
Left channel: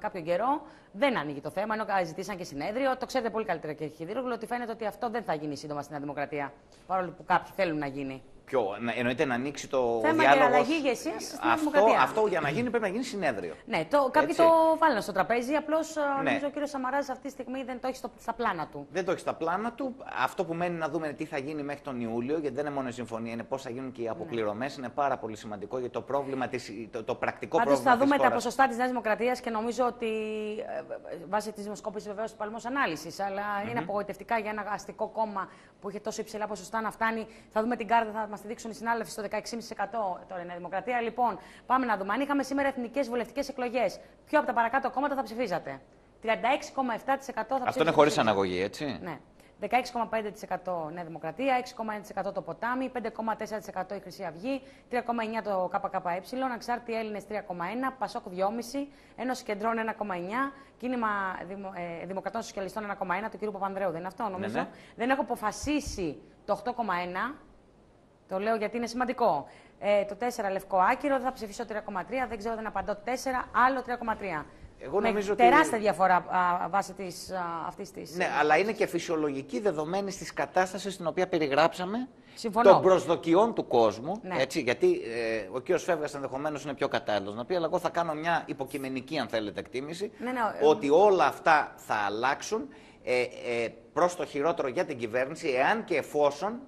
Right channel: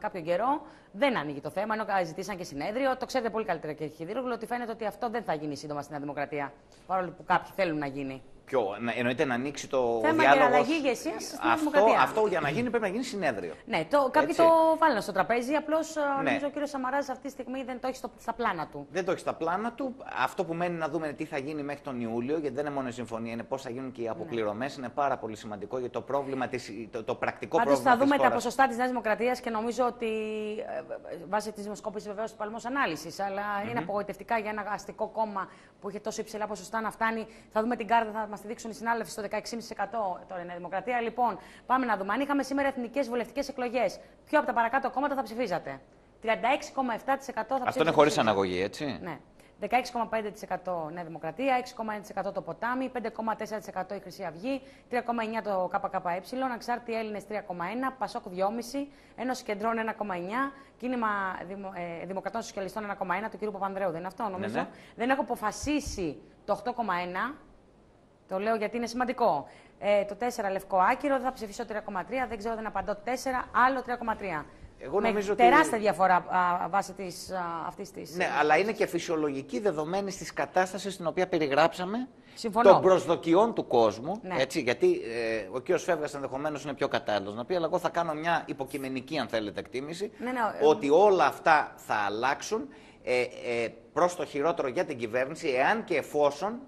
κάποιο καιρό. Δεν ανοίγει το θέμα, ενώ ζητήσαν και συνέδριο. Το ξέρετε πολύ καλύτερα, κ. Χιδίρογλου, ότι φαίνεται ότι αυτό δεν θα γίνει σύντομα στην Δημοκρατία. Παρόλο που κάποιοι θέλουν να γίνει. Ποιο, εννοείται να ανοίξει το θέμα διάλογο. Για αλλαγή ηγεσίας στην Δημοκρατία. Αυτό για να γίνει πρέπει να γίνει συνέδριο. Ναι, κάποιοι το βάλουν στο τραπέζι. Απλώς νομίζω ο κ. Σαμαράς αυτή τη στιγμή δεν το έχει στα πλάνα του. Δεν το έχει στα πλάνα του. Αυτό που μένει να δούμε τι θα γίνει μέχρι τον Ιούλιο, γιατί δεν είναι μόνο η συμφωνία, είναι πώς θα γίνουν και οι αποπληρωμές. Είναι πάρα πολύ σημαντικό για το πρόβλημα το πρακτικό πρόβλημα. Πάντως θα δούμε τα ποσοστά της Νέας Δημοκρατίας και νομίζω ότι βάσει τη δημοσκόπηση βεβαίως του Παλμός Ανάλυσης, αλλά είναι απογοητευτικά για ένα αστικό κόμμα που είχε τόσο υψηλά ποσοστά να φτάνει. Θα δούμε την κάρτα, θα μας τη δείξουν οι συνάδελφοι στο 16,5% τώρα η Νέα Δημοκρατία. Λοιπόν, πάμε να δούμε. Αν είχαμε σήμερα εθνικές βουλευτικές εκλογές, ποιο από τα παρακάτω κόμματα θα ψηφίζατε? 36,7% θα ψηφίζατε. Αυτό είναι χωρίς αναγωγή, έτσι. Ναι. 16,5% Νέα Δημοκρατία, 6,1% το Ποτάμι, 5,4% η Χρυσή Αυγή, 3,9% το ΚΚΕ, Ανεξάρτητοι Έλληνες 3,1%, Πασόκ 2,5%, Ένωση Κεντρών 1,9%, Κίνημα Δημοκρατών Σοσιαλιστών 1,1%, του κ. Παπανδρέου δεν είναι αυτό, νομίζω. Ναι. Δεν έχω αποφασίσει το 8,1%. Το λέω γιατί είναι σημαντικό. Το 4 Λευκό Άκυρο, θα ψηφίσω 3,3, δεν ξέρω, δεν απαντώ 4, άλλο 3,3. Εγώ νομίζω ότι... Τεράστια διαφορά βάσει αυτής της... Ναι, αλλά είναι και φυσιολογική δεδομένη της κατάστασης στην οποία περιγράψαμε. Συμφωνώ. Των προσδοκιών του κόσμου. Ναι. Έτσι, γιατί ο κ. Φεύγας ενδεχομένως είναι πιο κατάλληλος να πει, αλλά εγώ θα κάνω μια υποκειμενική, αν θέλετε, εκτίμηση, ότι όλα αυτά θα αλλάξουν προς το χειρότερο για την κυβέρνηση, εάν και εφόσον,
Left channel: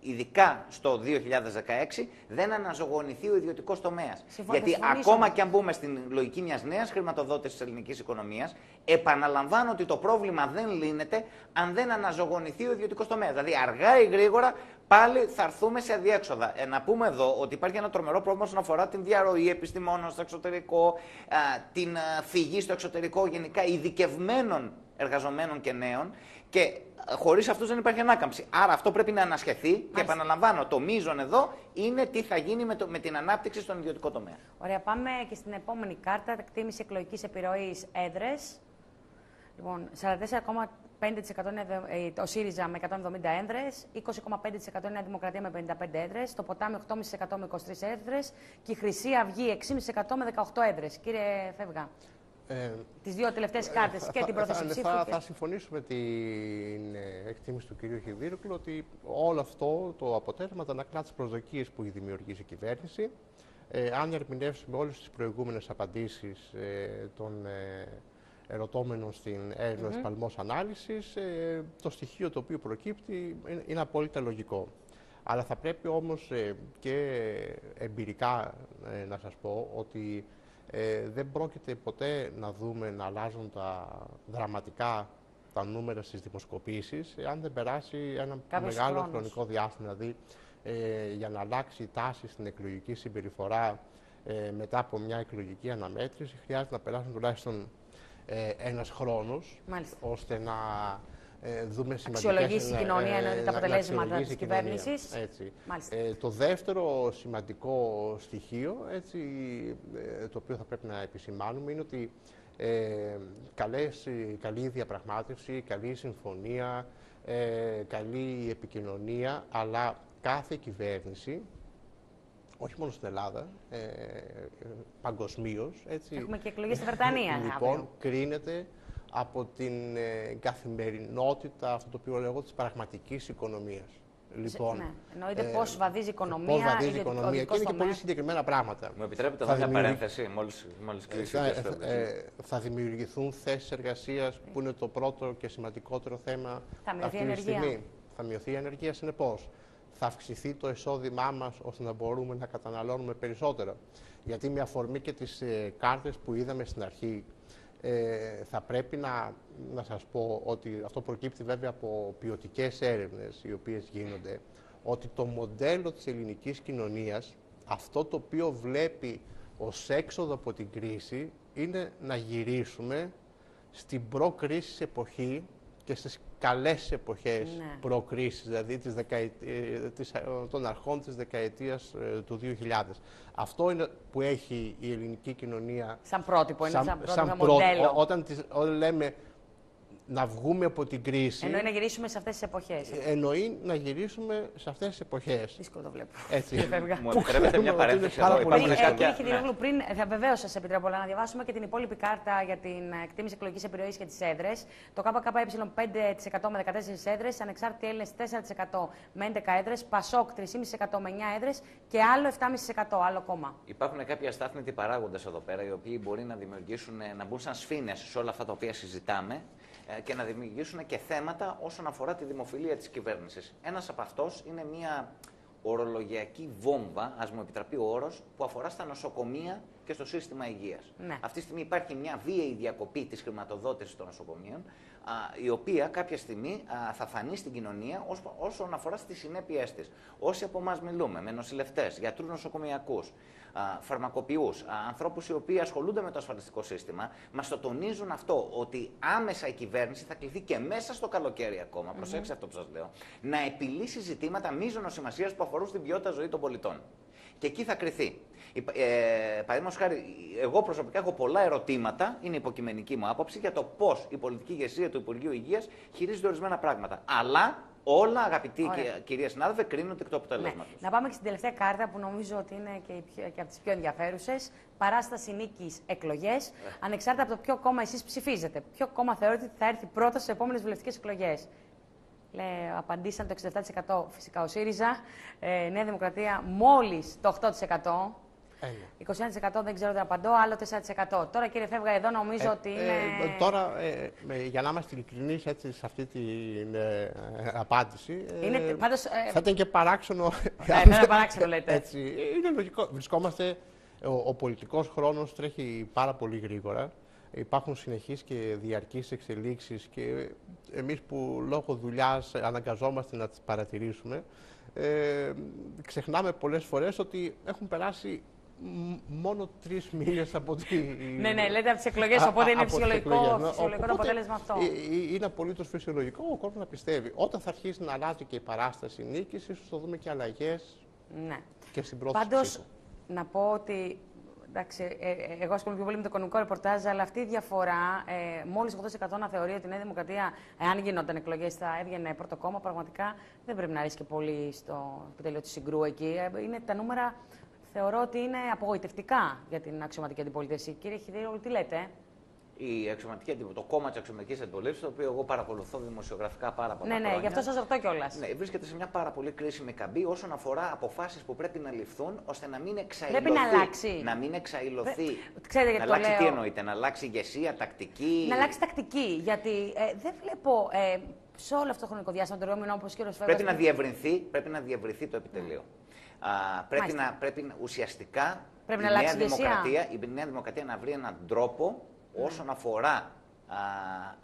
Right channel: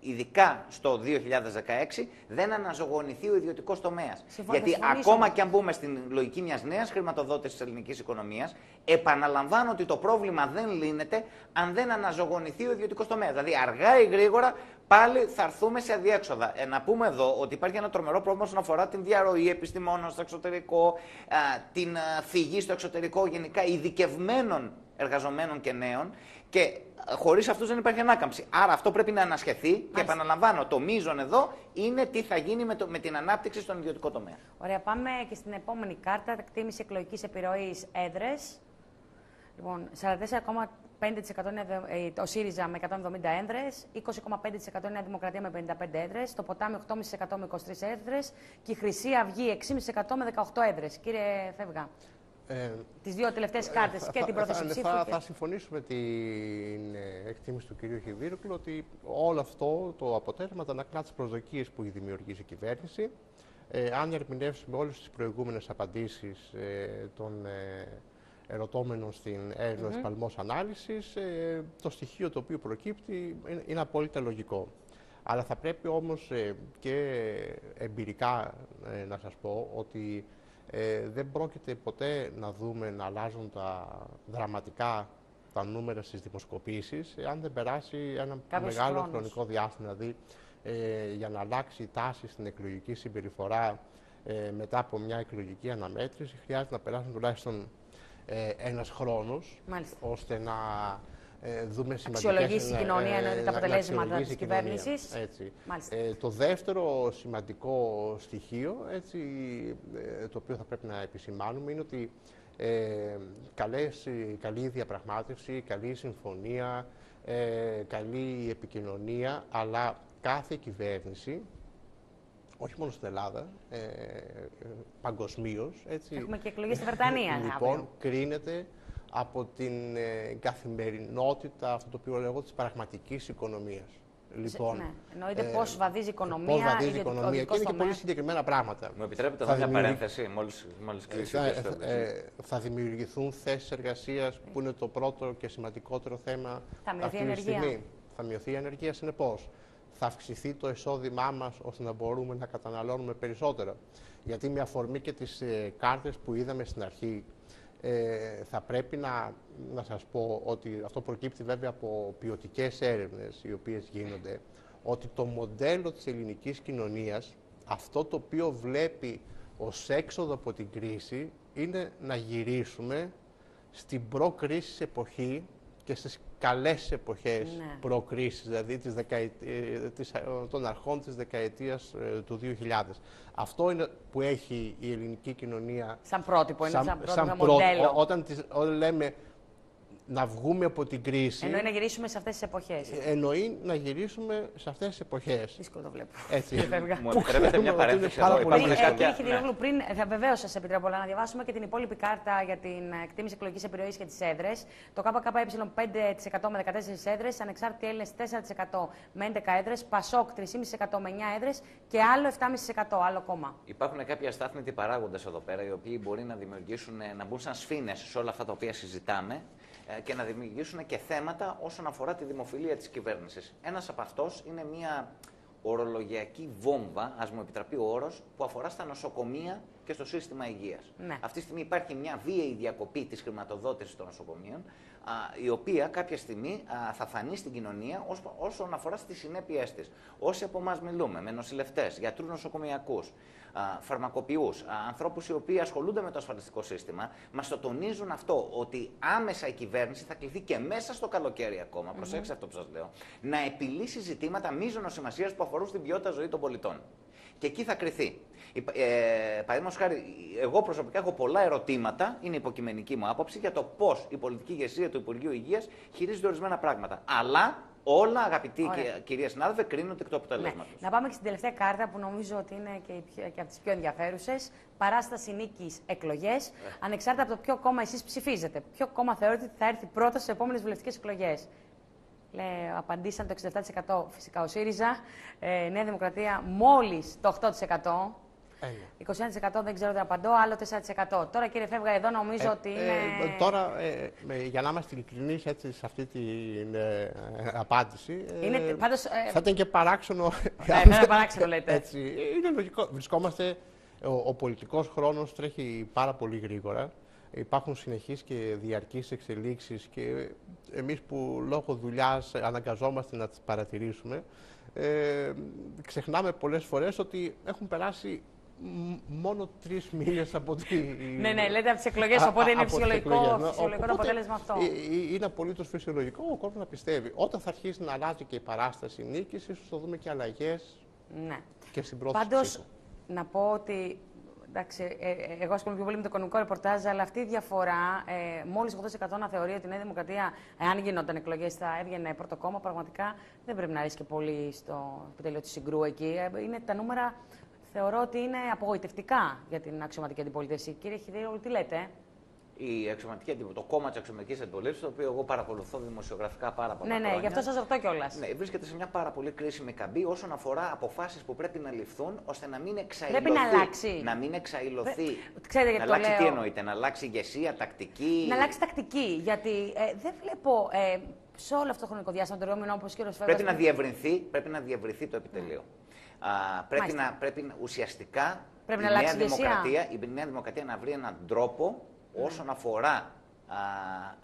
ειδικά στο 2016, δεν αναζωογονηθεί ο ιδιωτικός τομέας. Γιατί ακόμα και αν μπούμε στην λογική μιας νέας χρηματοδότησης της ελληνικής οικονομίας, επαναλαμβάνω ότι το πρόβλημα δεν λύνεται αν δεν αναζωογονηθεί ο ιδιωτικός τομέας. Δηλαδή, αργά ή γρήγορα πάλι θα έρθουμε σε αδιέξοδα. Να πούμε εδώ ότι υπάρχει ένα τρομερό πρόβλημα όσον αφορά την διαρροή επιστημόνων στο εξωτερικό, την φυγή στο εξωτερικό, γενικά ειδικευμένων εργαζομένων και νέων. Και χωρίς αυτούς δεν υπάρχει ανάκαμψη. Άρα αυτό πρέπει να ανασχεθεί. Και επαναλαμβάνω, το μείζον εδώ είναι τι θα γίνει με την ανάπτυξη στον ιδιωτικό τομέα. Ωραία, πάμε και στην επόμενη κάρτα. Εκτίμηση εκλογικής επιρροής έδρες. Λοιπόν, 44,5% είναι το ΣΥΡΙΖΑ με 170 έδρες, 20,5% είναι η Δημοκρατία με 55 έδρες, το Ποτάμι 8,5% με 23 έδρες και η Χρυσή Αυγή 6,5% με 18 έδρες. Κύριε Φεύγα. Τις δύο τελευταίες κάρτες και την πρόθεση ψήφου. Θα συμφωνήσω με την εκτίμηση του κ. Χιδίρογλου ότι όλο αυτό το αποτέλεσμα ανακλά τις προσδοκίες που έχει δημιουργήσει η κυβέρνηση. Αν ερμηνεύσουμε όλες τις προηγούμενες απαντήσεις των ερωτώμενων στην έρευνα Παλμός Ανάλυσης, το στοιχείο το οποίο προκύπτει είναι απόλυτα λογικό. Αλλά θα πρέπει όμως και εμπειρικά να σας πω ότι δεν πρόκειται ποτέ να δούμε να αλλάζουν δραματικά τα νούμερα στις δημοσκοπήσεις αν δεν περάσει ένα μεγάλο χρονικό διάστημα. Δηλαδή, για να αλλάξει η τάση στην εκλογική συμπεριφορά μετά από μια εκλογική αναμέτρηση χρειάζεται να περάσουν τουλάχιστον ένας χρόνος, ώστε να δούμε αξιολογήσει η κοινωνία τα αποτελέσματα της κυβέρνησης. Το δεύτερο σημαντικό στοιχείο, το οποίο θα πρέπει να επισημάνουμε, είναι ότι καλή διαπραγμάτευση, καλή συμφωνία καλή επικοινωνία, αλλά κάθε κυβέρνηση, όχι μόνο στην Ελλάδα, παγκοσμίως. Έχουμε και εκλογές στη Βρετανία. Λοιπόν, κρίνεται από την καθημερινότητα, αυτό το οποίο λέγω, της πραγματικής οικονομίας. Λοιπόν, ναι. Εννοείται πώς βαδίζει η οικονομία. Πώς βαδίζει η οικονομία και είναι και πολύ συγκεκριμένα πράγματα. Μου επιτρέπετε να μια παρένθεση, μόλις κλείσει. Θα δημιουργηθούν θέσεις εργασίας, που είναι το πρώτο και σημαντικότερο θέμα αυτή τη στιγμή. Θα μειωθεί η ανεργία, συνεπώς. Θα αυξηθεί το εισόδημά μας ώστε να μπορούμε να καταναλώνουμε περισσότερο. Γιατί με αφορμή και τις κάρτες που είδαμε στην αρχή, θα πρέπει να σας πω ότι αυτό προκύπτει βέβαια από ποιοτικές έρευνες οι οποίες γίνονται, ότι το μοντέλο της ελληνικής κοινωνίας, αυτό το οποίο βλέπει ως έξοδο από την κρίση, είναι να γυρίσουμε στην προ-κρίσης εποχή και στις καλές εποχές προ-κρίσης, δηλαδή των αρχών της δεκαετίας του 2000. Αυτό είναι που έχει η ελληνική κοινωνία σαν πρότυπο, σαν μοντέλο. Όταν λέμε να βγούμε από την κρίση. Εννοεί να γυρίσουμε σε αυτές τις εποχές. Εννοεί να γυρίσουμε σε αυτές τις εποχές. Δύσκολο το βλέπω. Έτσι. Μου επιτρέπετε μια παρένθεση εδώ. Κύριε Χιδηρόγλου, πριν βεβαίως σας επιτρέπω να διαβάσουμε και την υπόλοιπη κάρτα για την εκτίμηση εκλογικής επιρροής και τις έδρες. Το ΚΚΕ 5% με 14 έδρες, ανεξάρτητοι Έλληνες 4% με 11 έδρες, Πασόκ 3,5% με 9 έδρες και άλλο 7,5% άλλο κόμμα. Υπάρχουν κάποιοι αστάθμητοι παράγοντες εδώ πέρα, οι οποίοι μπορεί να δημιουργήσουν, να μπουν σαν σφήνες σε όλα αυτά τα οποία συζητάμε και να δημιουργήσουν και θέματα όσον αφορά τη δημοφιλία της κυβέρνησης. Ένας από αυτός είναι μια ορολογιακή βόμβα, ας μου επιτραπεί ο όρος, που αφορά στα νοσοκομεία και στο σύστημα υγείας. Ναι. Αυτή τη στιγμή υπάρχει μια βίαιη διακοπή της χρηματοδότησης των νοσοκομείων, η οποία κάποια στιγμή θα φανεί στην κοινωνία όσον αφορά στις συνέπειές της. Όσοι από εμάς μιλούμε με νοσηλευτές, γιατρούς νοσοκομειακούς, φαρμακοποιούς, ανθρώπους οι οποίοι ασχολούνται με το ασφαλιστικό σύστημα, μας το τονίζουν αυτό, ότι άμεσα η κυβέρνηση θα κληθεί και μέσα στο καλοκαίρι ακόμα, προσέξτε αυτό που σας λέω, να επιλύσει ζητήματα μείζωνος σημασίας που αφορούν στην ποιότητα ζωή των πολιτών. Και εκεί θα κριθεί. Παραδείγματος χάρη, εγώ προσωπικά έχω πολλά ερωτήματα, είναι υποκειμενική μου άποψη, για το πώς η πολιτική ηγεσία του Υπουργείου Υγείας χειρίζεται ορισμένα πράγματα. Αλλά όλα, αγαπητοί κυρία συνάδελφε, κρίνονται εκ του αποτελέσματος. Να πάμε και στην τελευταία κάρτα που νομίζω ότι είναι και από τις πιο ενδιαφέρουσες. Παράσταση νίκης εκλογές. Ανεξάρτητα από το ποιο κόμμα εσείς ψηφίζετε. Ποιο κόμμα θεωρείτε ότι θα έρθει πρώτα στις επόμενες βουλευτικές εκλογές. Απαντήσαν το 67% φυσικά ο ΣΥΡΙΖΑ. Νέα Δημοκρατία μόλις το 8%. 21% δεν ξέρω τι απαντώ, άλλο 4%. Τώρα κύριε Φεύγα, εδώ νομίζω ότι είναι... Τώρα, για να είμαστε ειλικρινείς σε αυτή την απάντηση, πάντως, θα ήταν και παράξενο. Είναι παράξενο λέτε. Έτσι, είναι λογικό. Βρισκόμαστε, ο πολιτικός χρόνος τρέχει πάρα πολύ γρήγορα. Υπάρχουν συνεχείς και διαρκείς εξελίξεις και εμείς που λόγω δουλειάς αναγκαζόμαστε να τις παρατηρήσουμε, ξεχνάμε πολλές φορές ότι έχουν περάσει μόνο 3 μήνες από τη... Ναι, λέτε από τις εκλογές, οπότε είναι φυσιολογικό το αποτέλεσμα αυτό. Είναι απολύτως φυσιολογικό ο κόσμος να πιστεύει. Όταν θα αρχίσει να αλλάζει και η παράσταση νίκης, ίσως θα δούμε και αλλαγές και στην πρώτη ψήφο. Πάντως, να πω ότι εντάξει, εγώ ασχολούμαι πιο πολύ με το οικονομικό ρεπορτάζ, αλλά αυτή η διαφορά, μόλις 8% να θεωρεί ότι η Νέα Δημοκρατία, εάν γινόταν εκλογές, θα έβγαινε πρώτο κόμμα, πραγματικά δεν πρέπει να αρέσει και πολύ στο επιτελείο της Συγκρού εκεί. Είναι τα νούμερα, θεωρώ ότι είναι απογοητευτικά για την αξιωματική αντιπολίτευση. Κύριε Χιδηρόγλου, τι λέτε? Το κόμμα της αξιωματικής αντιπολίτευσης, το οποίο εγώ παρακολουθώ δημοσιογραφικά πάρα πολλά χρόνια. Ναι, γι' αυτό σας ρωτώ κιόλας. Ναι, βρίσκεται σε μια πάρα πολύ κρίσιμη καμπή όσον αφορά αποφάσεις που πρέπει να ληφθούν ώστε να μην εξαϊλωθεί. Πρέπει να αλλάξει. Να μην εξαϊλωθεί. Ξέρετε, να αλλάξει τι εννοείται, να αλλάξει ηγεσία, τακτική. Να αλλάξει τακτική. Γιατί δεν βλέπω σε όλο αυτό το χρονικό διάστημα το δρόμενο όπως και ο Φεύγας. Πρέπει να διευρυνθεί το επιτελείο. Πρέπει ουσιαστικά η Νέα Δημοκρατία να βρει έναν τρόπο όσον αφορά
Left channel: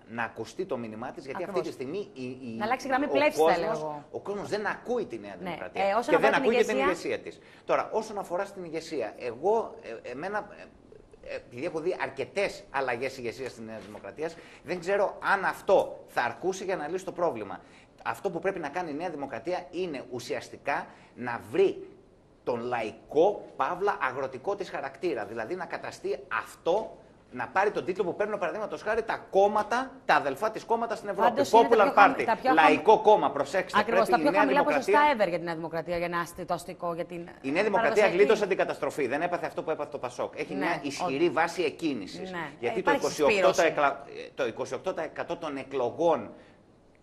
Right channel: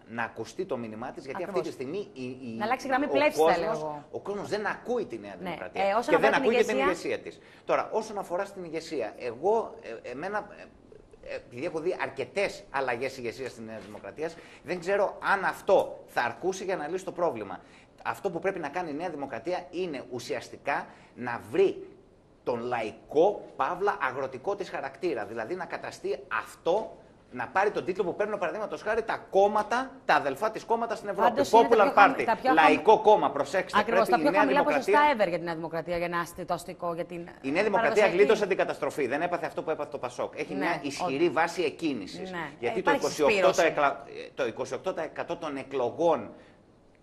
να ακουστεί το μήνυμά της, γιατί αυτή τη στιγμή να αλλάξει γραμμή πλεύσης, ο κόσμος δεν ακούει τη Νέα Δημοκρατία και δεν ακούει και την ηγεσία της. Τώρα, όσον αφορά στην ηγεσία, επειδή έχω δει αρκετές αλλαγές ηγεσίας της Νέας Δημοκρατίας, δεν ξέρω αν αυτό θα αρκούσε για να λύσει το πρόβλημα. Αυτό που πρέπει να κάνει η Νέα Δημοκρατία είναι ουσιαστικά να βρει τον λαϊκό, παύλα, αγροτικό της χαρακτήρα. Δηλαδή να καταστεί αυτό να πάρει τον τίτλο που παίρνουν παραδείγματος χάρη τα κόμματα, τα αδελφά της κόμματα στην Ευρώπη. Popular Party, Λαϊκό Κόμμα, προσέξτε. Ακριβώς, τα πιο χαμηλά ποσοστά ever για την Νέα Δημοκρατία, για να είστε το αστικό. Για την η Νέα Δημοκρατία γλίτωσε την καταστροφή. Δεν έπαθε αυτό που έπαθε το Πασόκ. Έχει μια ισχυρή βάση εκκίνησης. Ναι. Γιατί το 28% των εκλογών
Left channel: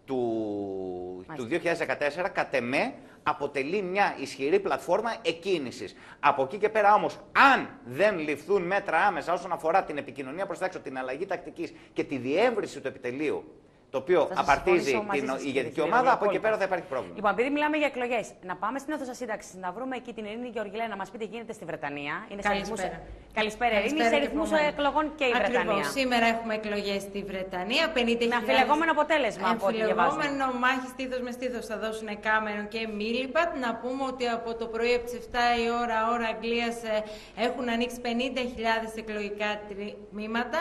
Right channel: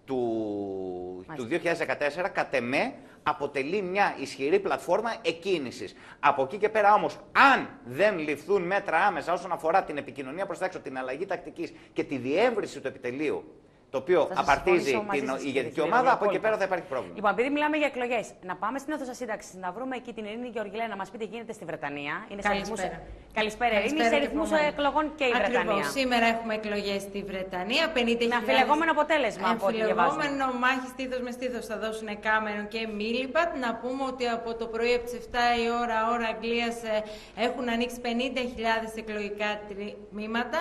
του 2014 κατ' εμέ αποτελεί μια ισχυρή πλατφόρμα εκκίνησης. Από εκεί και πέρα όμως, αν δεν ληφθούν μέτρα άμεσα όσον αφορά την επικοινωνία προς τα έξω, την αλλαγή τακτικής και τη διεύρυνση του επιτελείου, το οποίο απαρτίζει την ηγετική ομάδα, από εκεί πέρα θα υπάρχει πρόβλημα. Λοιπόν, επειδή μιλάμε για εκλογές, να πάμε στην αίθουσα σύνταξης, να βρούμε εκεί την Ειρήνη Γεωργιλέα, να μας πείτε τι γίνεται στη Βρετανία. Είναι Καλησπέρα, Ειρήνη, σε ρυθμούς εκλογών και η Βρετανία. Ακριβώς, σήμερα έχουμε εκλογές στη Βρετανία. 50.000. Είναι αμφιλεγόμενο αποτέλεσμα. Αμφιλεγόμενο, μάχη στήθος με στήθος θα δώσουν Κάμερον και Μίλιμπαντ. Να πούμε ότι από το πρωί από τις 7 η ώρα Αγγλίας έχουν ανοίξει 50.000 εκλογικά τμήματα.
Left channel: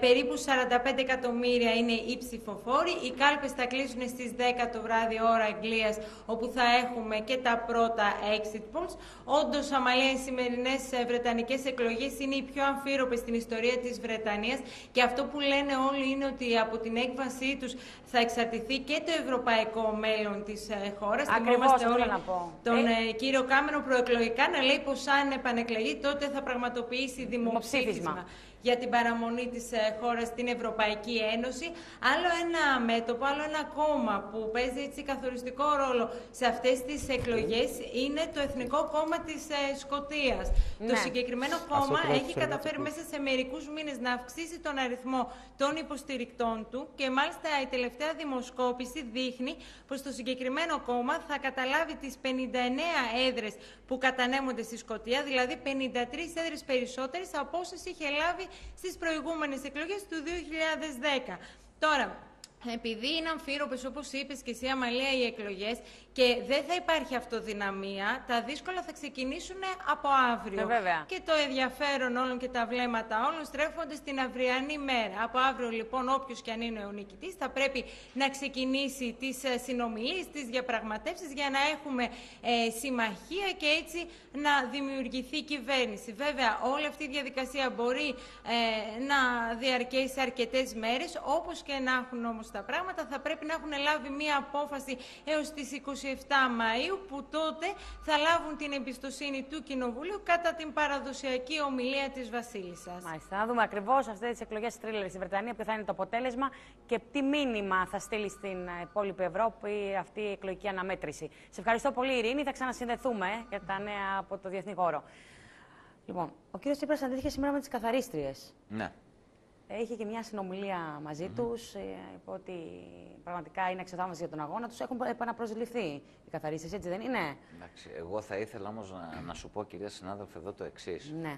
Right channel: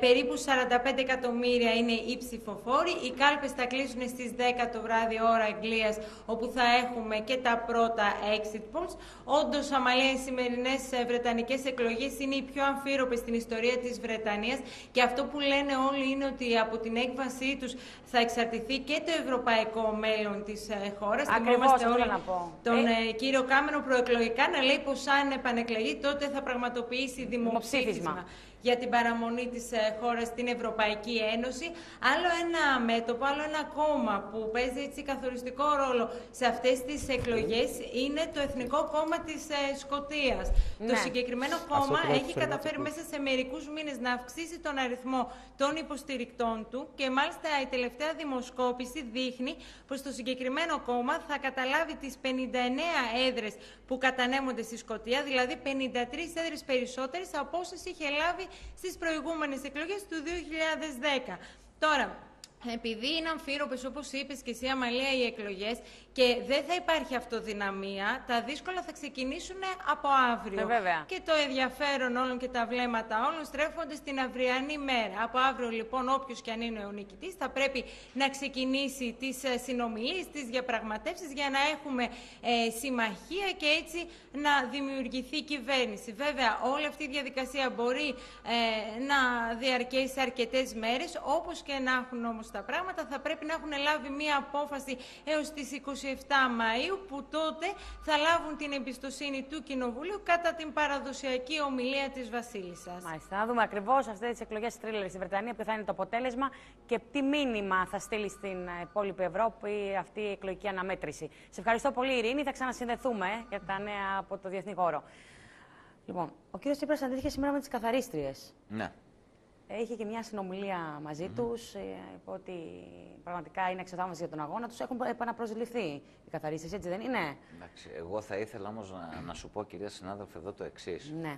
Περίπου 45 εκατομμύρια είναι οι ψηφοφόροι. Οι κάλπες θα κλείσουν στις 10 το βράδυ ώρα Αγγλίας, όπου θα έχουμε και τα πρώτα exit polls. Όντως, αμαλία, οι σημερινές βρετανικές εκλογές είναι οι πιο αμφίροπες στην ιστορία της Βρετανίας και αυτό που λένε όλοι είναι ότι από την έκβασή τους θα εξαρτηθεί και το ευρωπαϊκό μέλλον της χώρας. Ακριβώς, όλοι τον κύριο Κάμερον προεκλογικά να λέει πως αν επανεκλεγεί τότε θα πραγματοποιήσει δημοψήφισμα για την παραμονή της χώρας στην Ευρωπαϊκή Ένωση. Άλλο ένα μέτωπο, άλλο ένα κόμμα που παίζει έτσι καθοριστικό ρόλο σε αυτές τις εκλογές είναι το Εθνικό Κόμμα της Σκωτίας. Ναι. Το συγκεκριμένο κόμμα έχει καταφέρει μέσα σε μερικούς μήνες να αυξήσει τον αριθμό των υποστηρικτών του και μάλιστα η τελευταία δημοσκόπηση δείχνει πως το συγκεκριμένο κόμμα θα καταλάβει τις 59 έδρες που κατανέμονται στη Σκωτία, δηλαδή 53 έδρες περισσότερες από όσες είχε λάβει στις προηγούμενες εκλογές του 2010. Τώρα, επειδή είναι αμφίροπες, όπως είπες και εσύ, Αμαλία, οι εκλογές και δεν θα υπάρχει αυτοδυναμία, τα δύσκολα θα ξεκινήσουν από αύριο. Και το ενδιαφέρον όλων και τα βλέμματα όλων στρέφονται στην αυριανή μέρα. Από αύριο, λοιπόν, όποιος και αν είναι ο νικητής, θα πρέπει να ξεκινήσει τις συνομιλίες, τις διαπραγματεύσεις για να έχουμε συμμαχία και έτσι να δημιουργηθεί κυβέρνηση. Βέβαια, όλη αυτή η διαδικασία μπορεί να διαρκέσει αρκετές μέρες, όπως και να έχουν όμως τα πράγματα, θα πρέπει να έχουν λάβει μία απόφαση έως τις 27 Μαΐου, που τότε θα λάβουν την εμπιστοσύνη του Κοινοβουλίου κατά την παραδοσιακή ομιλία της Βασίλισσας. Μάλιστα. Να δούμε ακριβώς αυτές τις εκλογές τρίλερ στη Βρετανία, ποιο θα είναι το αποτέλεσμα και τι μήνυμα θα στείλει στην υπόλοιπη Ευρώπη αυτή η εκλογική αναμέτρηση. Σε ευχαριστώ πολύ, Ειρήνη. Θα ξανασυνδεθούμε για τα νέα από το διεθνή χώρο. Λοιπόν, ο κύριος Τσίπρας συναντήθηκε σήμερα με τις καθαρίστριες. Ναι. Είχε και μια συνομιλία μαζί τους, είπε ότι πραγματικά είναι εξετάμενοι για τον αγώνα τους. Έχουν επαναπροσληφθεί οι καθαρίστες, έτσι δεν είναι? Εντάξει, εγώ θα ήθελα όμως να σου πω, κυρία συνάδελφε, εδώ το εξής. Ναι.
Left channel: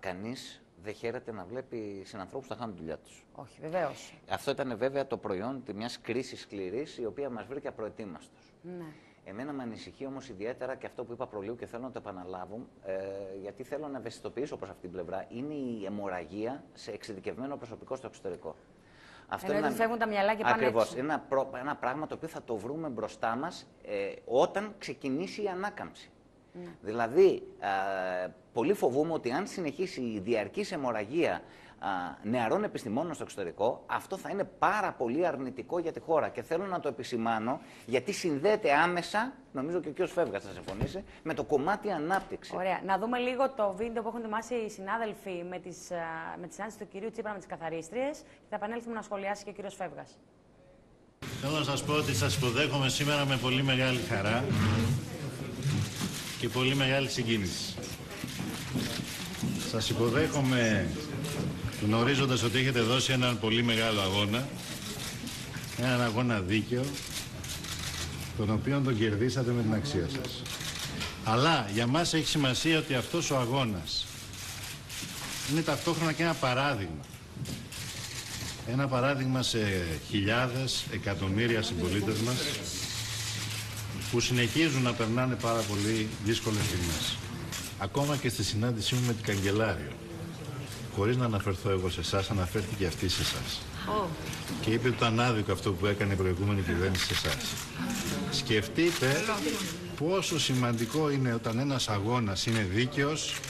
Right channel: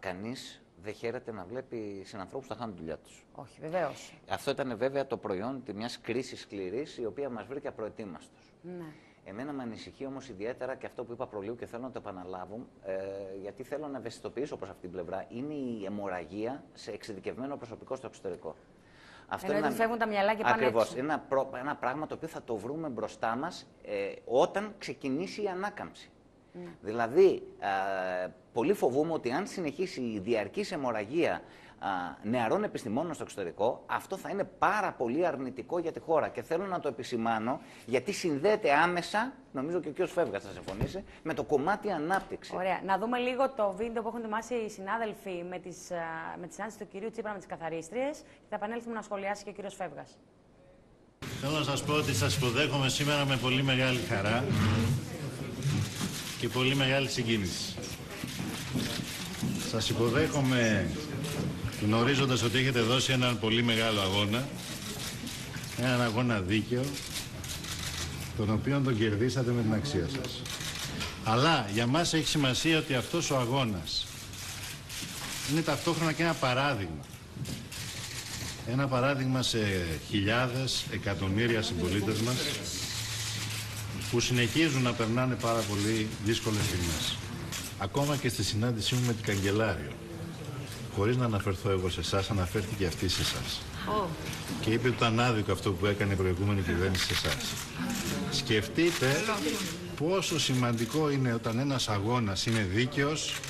Κανείς δεν χαίρεται να βλέπει συνανθρώπους να χάνουν τη δουλειά τους. Όχι, βεβαίως. Αυτό ήταν βέβαια το προϊόν μιας κρίσης σκληρής, η οποία μας βρήκε απροετοίμαστος. Ναι. Εμένα με ανησυχεί όμως ιδιαίτερα και αυτό που είπα προλίγου και θέλω να το επαναλάβω, γιατί θέλω να ευαισθητοποιήσω προς αυτήν την πλευρά, είναι η αιμορραγία σε εξειδικευμένο προσωπικό στο εξωτερικό. Αυτό είναι φεύγουν τα μυαλά και πάνε ακριβώς. Είναι ένα πράγμα το οποίο θα το βρούμε μπροστά μας όταν ξεκινήσει η ανάκαμψη. Ναι. Δηλαδή, πολύ φοβούμαι ότι αν συνεχίσει η διαρκής αιμορραγία νεαρών επιστημόνων στο εξωτερικό, αυτό θα είναι πάρα πολύ αρνητικό για τη χώρα. Και θέλω να το επισημάνω, γιατί συνδέεται άμεσα, νομίζω και ο κ. Φεύγας θα συμφωνήσει, με το κομμάτι ανάπτυξη. Ωραία. Να δούμε λίγο το βίντεο που έχουν ετοιμάσει οι συνάδελφοι με τη συνάντηση του κ. Τσίπρα με τις καθαρίστριες και θα επανέλθουμε να σχολιάσει και ο κ. Φεύγας. Θέλω να σας πω ότι σας υποδέχομαι σήμερα με πολύ μεγάλη χαρά και πολύ μεγάλη συγκίνηση. Σας υποδέχομαι γνωρίζοντας ότι έχετε δώσει έναν πολύ μεγάλο αγώνα, έναν αγώνα δίκαιο, τον οποίο τον κερδίσατε με την αξία σας. Αλλά για μας έχει σημασία ότι αυτός ο αγώνας είναι ταυτόχρονα και ένα παράδειγμα. Ένα παράδειγμα σε χιλιάδες, εκατομμύρια συμπολίτες μας που συνεχίζουν να περνάνε πάρα πολύ δύσκολες στιγμές. Ακόμα και στη συνάντησή μου με την Καγκελάριο, χωρίς να αναφερθώ εγώ σε εσάς, αναφέρθηκε αυτή σε εσάς. Και είπε ότι ήταν άδικο αυτό που έκανε η προηγούμενη κυβέρνηση σε εσάς. Σκεφτείτε πόσο σημαντικό είναι όταν ένας αγώνας είναι δίκαιος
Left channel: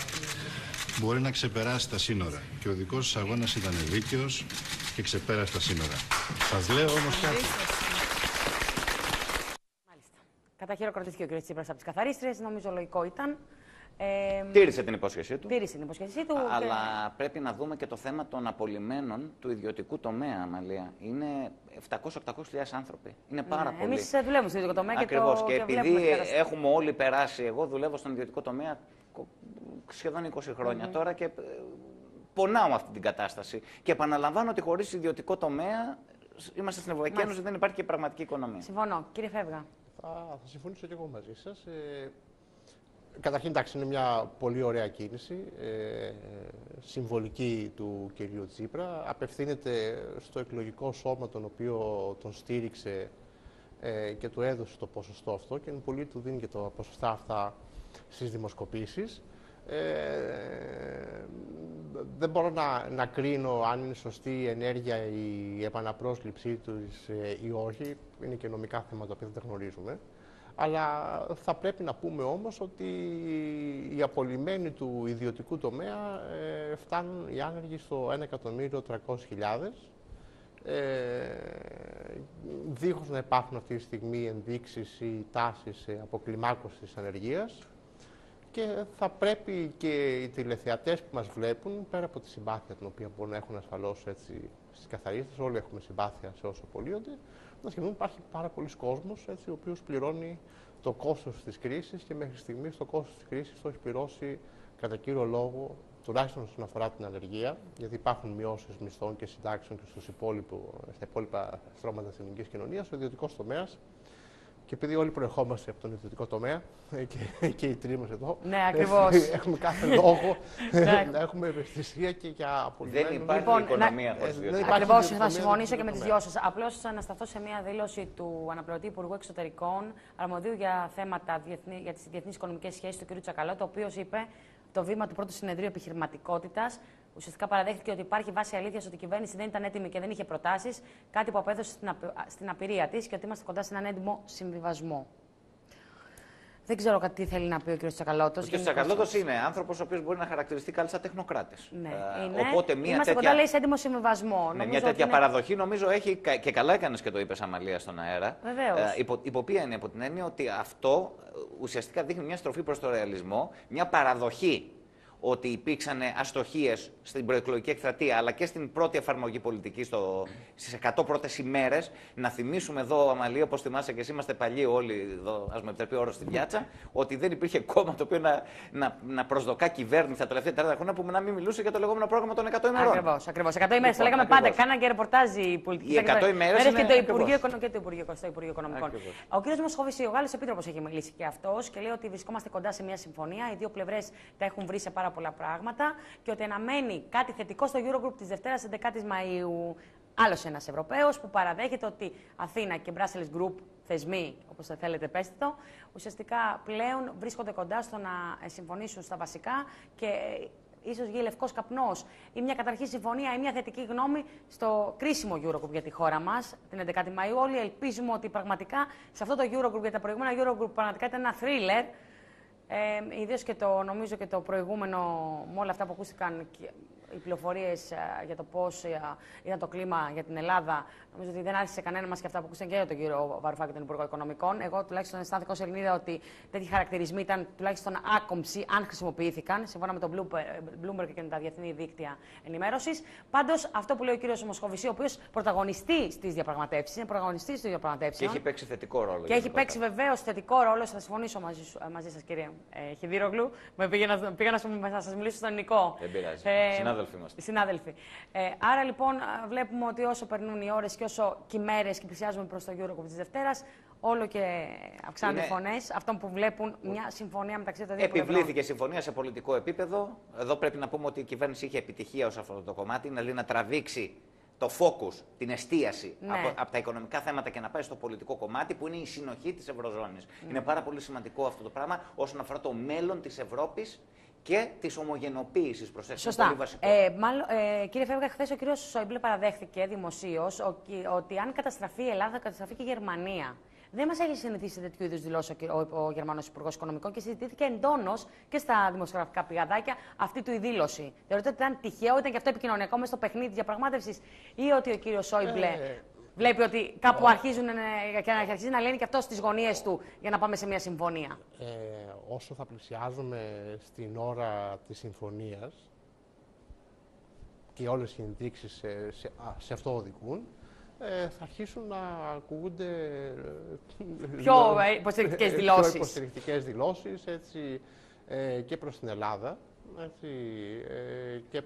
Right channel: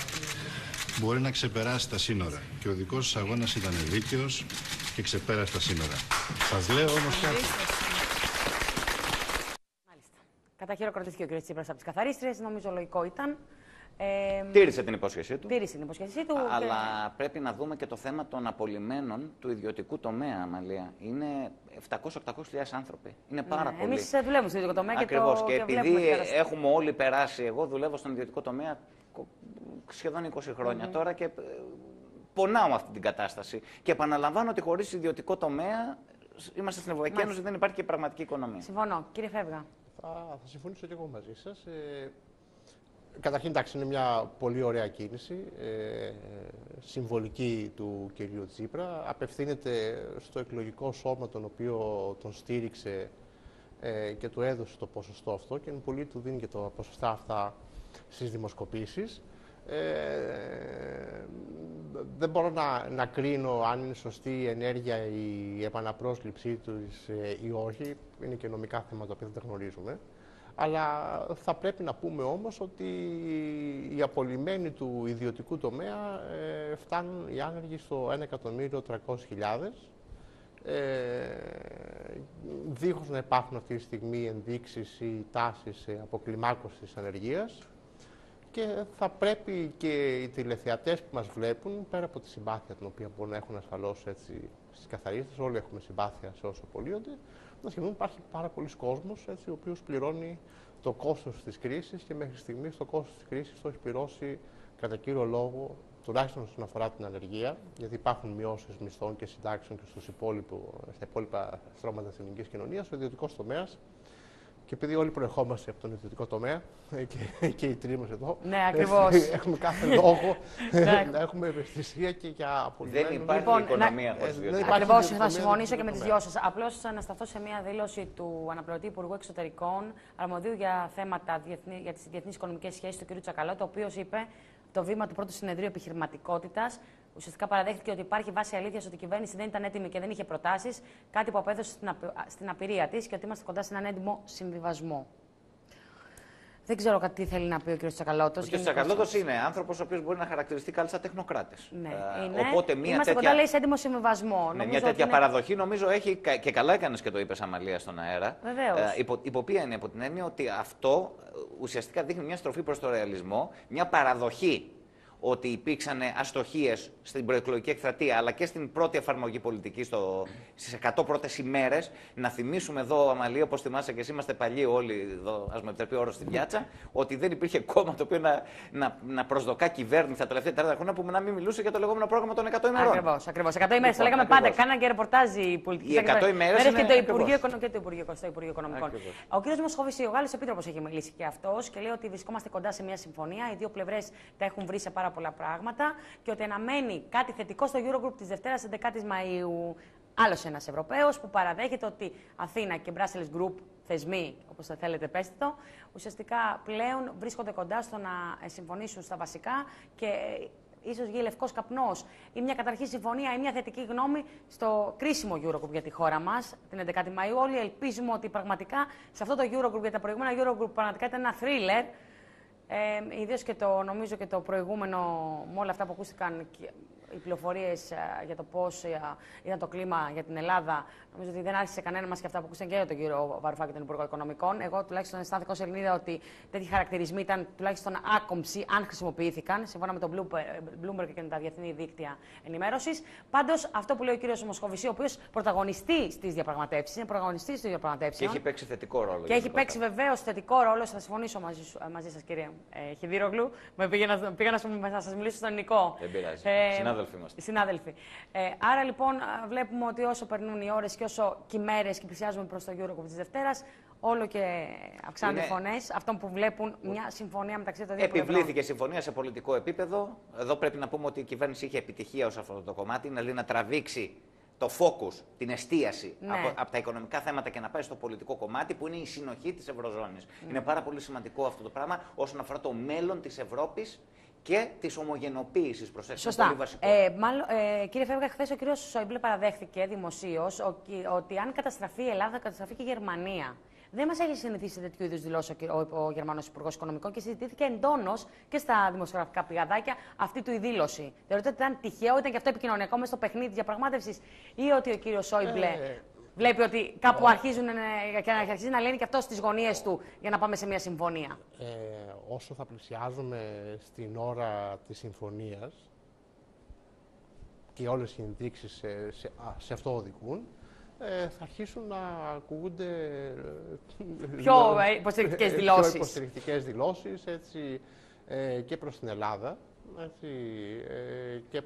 μπορεί να ξεπεράσει τα σύνορα. Και ο δικός σας αγώνας ήταν δίκαιος και ξεπέρασε τα σύνορα. Σας λέω όμως κάτι. Μάλιστα. Καταχειροκροτήθηκε ο κ. Τσίπρας από τις καθαρίστριες, νομίζω λογικό ήταν. Τήρησε την υπόσχεσή του. Τήρησε την υπόσχεσή του. Αλλά πρέπει να δούμε και το θέμα των απολυμμένων του ιδιωτικού τομέα, Αμαλία. Είναι 700-800.000 άνθρωποι. Είναι πάρα πολλοί. Εμείς δουλεύουμε στο ιδιωτικό τομέα. Ακριβώς. Και επειδή έχουμε όλοι περάσει, εγώ δουλεύω στον ιδιωτικό τομέα σχεδόν 20 χρόνια τώρα και πονάω αυτή την κατάσταση. Και επαναλαμβάνω ότι χωρίς ιδιωτικό τομέα είμαστε στην Ευρωπαϊκή Ένωση, δεν υπάρχει και πραγματική οικονομία. Συμφωνώ. Κύριε Φεύγα. Θα συμφωνήσω και εγώ μαζί σας. Καταρχήν, εντάξει, είναι μια πολύ ωραία κίνηση, συμβολική του κυρίου Τσίπρα. Απευθύνεται στο εκλογικό σώμα τον οποίο τον στήριξε και του έδωσε το ποσοστό αυτό και πολύ του δίνει και τα ποσοστά αυτά στις δημοσκοπήσεις. Δεν μπορώ να κρίνω αν είναι σωστή η ενέργεια η επαναπρόσληψή τους ή όχι. Είναι και νομικά θέματα που δεν γνωρίζουμε. Αλλά θα πρέπει να πούμε όμως ότι οι απολυμμένοι του ιδιωτικού τομέα φτάνουν οι άνεργοι στο 1.300.000, δίχως να υπάρχουν αυτή τη στιγμή ενδείξεις ή τάσεις αποκλιμάκωσης της ανεργίας. Και θα πρέπει και οι τηλεθεατές που μας βλέπουν, πέρα από τη συμπάθεια την οποία μπορούν να έχουν ασφαλώς στις καθαρίστες, όλοι έχουμε συμπάθεια σε όσο απολύονται, να σκεφτούν υπάρχει πάρα πολλοί κόσμος ο οποίος πληρώνει το κόστος της κρίσης και μέχρι στιγμής το κόστος της κρίσης το έχει πληρώσει κατά κύριο λόγο, τουλάχιστον όσον αφορά την ανεργία, γιατί υπάρχουν μειώσεις μισθών και συντάξεων και στα υπόλοιπα στρώματα της ελληνικής κοινωνίας, ο ιδιωτικός τομέας. Και επειδή όλοι προερχόμαστε από τον ιδιωτικό τομέα και οι τρεις μας εδώ, ναι, ακριβώς. Έχουμε κάθε λόγο να έχουμε ευαισθησία και για απολυμμένους. Δεν υπάρχει οικονομία χωρίς ιδιωτικό. Ακριβώς, θα συμφωνήσω και με τις δυο σας. Απλώς να σταθώ σε μια δήλωση του αναπληρωτή Υπουργού Εξωτερικών, αρμοδίου για θέματα για τις διεθνείς οικονομικές σχέσεις, του κ. Τσακαλώτου, ο οποίος είπε το βήμα του πρώτου συνεδρίου επιχειρηματικότητας. Ουσιαστικά παραδέχθηκε ότι υπάρχει βάση αλήθειας ότι η κυβέρνηση δεν ήταν έτοιμη και δεν είχε προτάσεις, κάτι που απέδωσε στην απειρία της και ότι είμαστε κοντά σε έναν έντιμο συμβιβασμό. Δεν ξέρω τι θέλει να πει ο κ. Τσακαλώτος. Ο κ. Τσακαλώτος είναι άνθρωπος ο οποίος μπορεί να χαρακτηριστεί κάλλιστα τεχνοκράτης. Ναι, οπότε είμαστε κοντά, λέει, σε έντιμο συμβιβασμό. Μια τέτοια παραδοχή νομίζω έχει, και καλά έκανες και το είπες, Αμαλία, στον αέρα. Βεβαίως. Υπό ποια είναι, από την έννοια ότι αυτό ουσιαστικά δείχνει μια στροφή προς το ρεαλισμό, μια παραδοχή ότι υπήρξαν αστοχίες στην προεκλογική εκστρατεία αλλά και στην πρώτη εφαρμογή πολιτική στις 100 πρώτες ημέρες. Να θυμίσουμε εδώ, Αμαλία, όπως θυμάσαι και εσύ, είμαστε παλιοί όλοι εδώ, ας με επιτρέπει ο όρος στην πιάτσα, ότι δεν υπήρχε κόμμα το οποίο να προσδοκά κυβέρνηση τα τελευταία 40 χρόνια που να μην μιλούσε για το λεγόμενο πρόγραμμα των 100 ημερών. Ακριβώς. 100 ημέρες. Το λέγαμε πάντα. Κάναν και ρεπορτάζ οι πολιτικοί. Οι 100 ημέρες και το Υπουργείο Οικονομικών. Ο κ. Μοσχοβησί, ο Γάλλος Επίτροπος, έχει μιλήσει και αυτός και λέει ότι βρισκόμαστε κοντά σε μια συμφωνία. Οι δύο πλευρές τα έχουν βρει σε πάρα πολλά πράγματα και ότι αναμένει κάτι θετικό στο Eurogroup της Δευτέρας 11 Μαΐου. Άλλος ένας Ευρωπαίος που παραδέχεται ότι Αθήνα και Brussels Group, θεσμοί, όπως θα θέλετε πέστε το, ουσιαστικά πλέον βρίσκονται κοντά στο να συμφωνήσουν στα βασικά και ίσως βγει λευκός καπνός ή μια καταρχή συμφωνία ή μια θετική γνώμη στο κρίσιμο Eurogroup για τη χώρα μας την 11η Μαΐου. Όλοι ελπίζουμε ότι πραγματικά σε αυτό το Eurogroup, γιατί τα προηγούμενα Eurogroup πραγματικά ήταν ένα thriller. Ιδίως και νομίζω και το προηγούμενο, με όλα αυτά που ακούστηκαν, οι πληροφορίες για το πώς ήταν το κλίμα για την Ελλάδα, νομίζω ότι δεν άρχισε κανένα μας και αυτά που ακούστηκαν και για τον κύριο Βαρουφάκη, τον Υπουργό Οικονομικών. Εγώ τουλάχιστον αισθάνθηκα ως Ελληνίδα ότι τέτοιοι χαρακτηρισμοί ήταν τουλάχιστον άκομψοι, αν χρησιμοποιήθηκαν, σύμφωνα με τον Bloomberg και με τα διεθνή δίκτυα ενημέρωσης. Πάντως, αυτό που λέει ο κύριος Μοσχοβησί, ο οποίος πρωταγωνιστεί στις διαπραγματεύσεις, είναι πρωταγωνιστής των διαπραγματεύσεων. Και έχει παίξει θετικό ρόλο. Και έχει παίξει βεβαίως θετικό ρόλο. Θα συμφωνήσω μαζί σας, κύριε Χιδίρογλου. Πήγα να σας μιλήσω στον ελληνικό. Δεν πειράζει. Συνάδελφοι. Άρα λοιπόν βλέπουμε ότι όσο περνούν οι ώρες και όσο και οι μέρες και πλησιάζουμε προς το Eurogroup της Δευτέρας, όλο και αυξάνονται οι φωνές αυτών που βλέπουν μια συμφωνία μεταξύ των δύο πλευρών. Επιβλήθηκε συμφωνία σε πολιτικό επίπεδο. Εδώ πρέπει να πούμε ότι η κυβέρνηση είχε επιτυχία ως αυτό το κομμάτι, δηλαδή να τραβήξει το focus, την εστίαση από τα οικονομικά θέματα και να πάει στο πολιτικό κομμάτι που είναι η συνοχή της Ευρωζώνης. Είναι πάρα πολύ σημαντικό αυτό το πράγμα όσον αφορά το μέλλον της Ευρώπης και της ομογενοποίησης, προσθέτω. Σωστά. Κύριε Φέβγα, χθες ο κύριος Σόιμπλε παραδέχθηκε δημοσίως ότι αν καταστραφεί η Ελλάδα, καταστραφεί και η Γερμανία. Δεν μας έχει συνηθίσει σε τέτοιου είδους δηλώσεις ο Γερμανός Υπουργός Οικονομικών και συζητήθηκε εντόνως και στα δημοσιογραφικά πηγαδάκια αυτή του η δήλωση. Θεωρείτε ότι ήταν τυχαίο, ήταν και αυτό επικοινωνιακό μέσα στο παιχνίδι της διαπραγμάτευσης, ή ότι ο κύριος Σόιμπλε βλέπει ότι κάπου αρχίζει να λένε και αυτό στις γωνίες του για να πάμε σε μια συμφωνία? Όσο θα πλησιάζουμε στην ώρα της συμφωνίας και όλες οι ενδείξεις σε αυτό οδηγούν, θα αρχίσουν να ακούγονται πιο υποστηρικτικές δηλώσεις. Πιο υποστηρικτικές δηλώσεις, έτσι, και προς την Ελλάδα.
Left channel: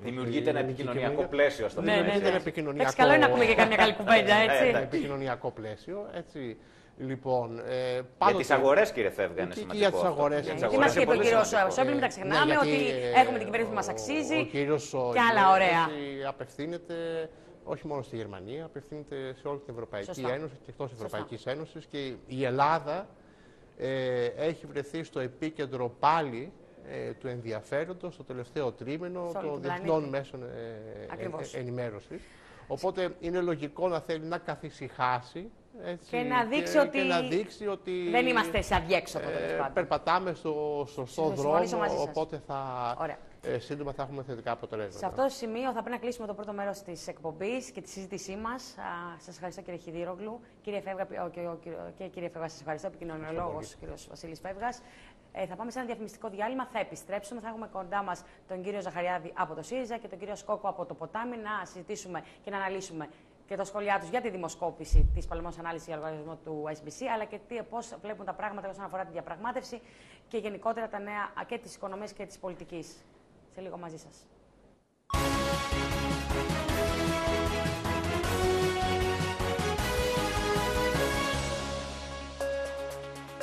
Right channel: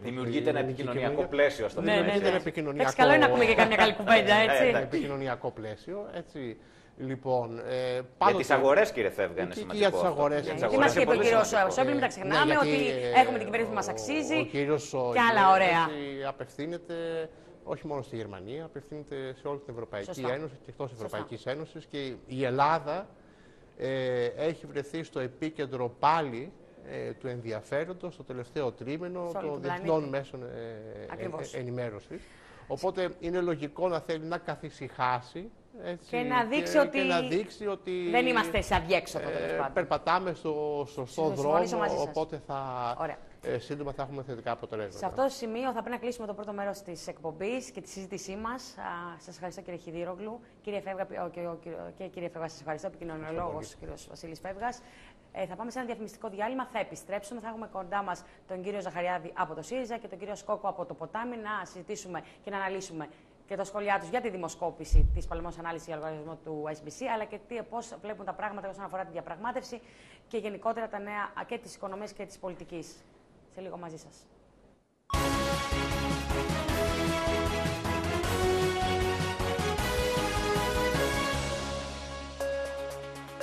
Δημιουργείται ένα επικοινωνιακό πλαίσιο στο Εντάξει, καλό είναι να πούμε και καμιά καλή κουβέντα, έτσι. Ένα επικοινωνιακό πλαίσιο, έτσι. Λοιπόν, για τις αγορές, κύριε Φέβγα, είναι σημαντικό. Για τις αγορές. Τι μας είπε ο κύριος Σόιμπλε, μην τα ξεχνάμε, ότι έχουμε την κυβέρνηση που μας αξίζει και άλλα ωραία. Απευθύνεται όχι μόνο στη Γερμανία, απευθύνεται σε όλη την Ευρωπαϊκή Ένωση και εκτός Ευρωπαϊκής Ένωσης, και η Ελλάδα έχει βρεθεί στο επίκεντρο πάλι του ενδιαφέροντος στο τελευταίο τρίμηνο των διεθνών μέσων ενημέρωσης. Οπότε είναι λογικό να θέλει να καθησυχάσει, έτσι, και να δείξει ότι δεν είμαστε σε αδιέξοδο. Περπατάμε στο σωστό δρόμο, οπότε σύντομα θα έχουμε θετικά αποτελέσματα. Σε αυτό το σημείο θα πρέπει να κλείσουμε το πρώτο μέρος της εκπομπής και τη συζήτησή μας. Σας ευχαριστώ, κύριε Χιδήρογλου. Κύριε Φέβγα, και κύριε Φέβγα, σας ευχαριστώ. Επικοινωνιολόγος, κύριος Βασίλης Φέβγας. Θα πάμε σε ένα διαφημιστικό διάλειμμα, θα επιστρέψουμε. Θα έχουμε κοντά μας τον κύριο Ζαχαριάδη από το ΣΥΡΙΖΑ και τον κύριο Σκόκο από το Ποτάμι να συζητήσουμε και να αναλύσουμε και τα σχόλιά τους για τη δημοσκόπηση της παλαιμός ανάλυσης για λογαριασμό του SBC, αλλά και πώς βλέπουν τα πράγματα όσον αφορά τη διαπραγμάτευση και γενικότερα τα νέα και της οικονομίας και της πολιτικής. Σε λίγο μαζί σας.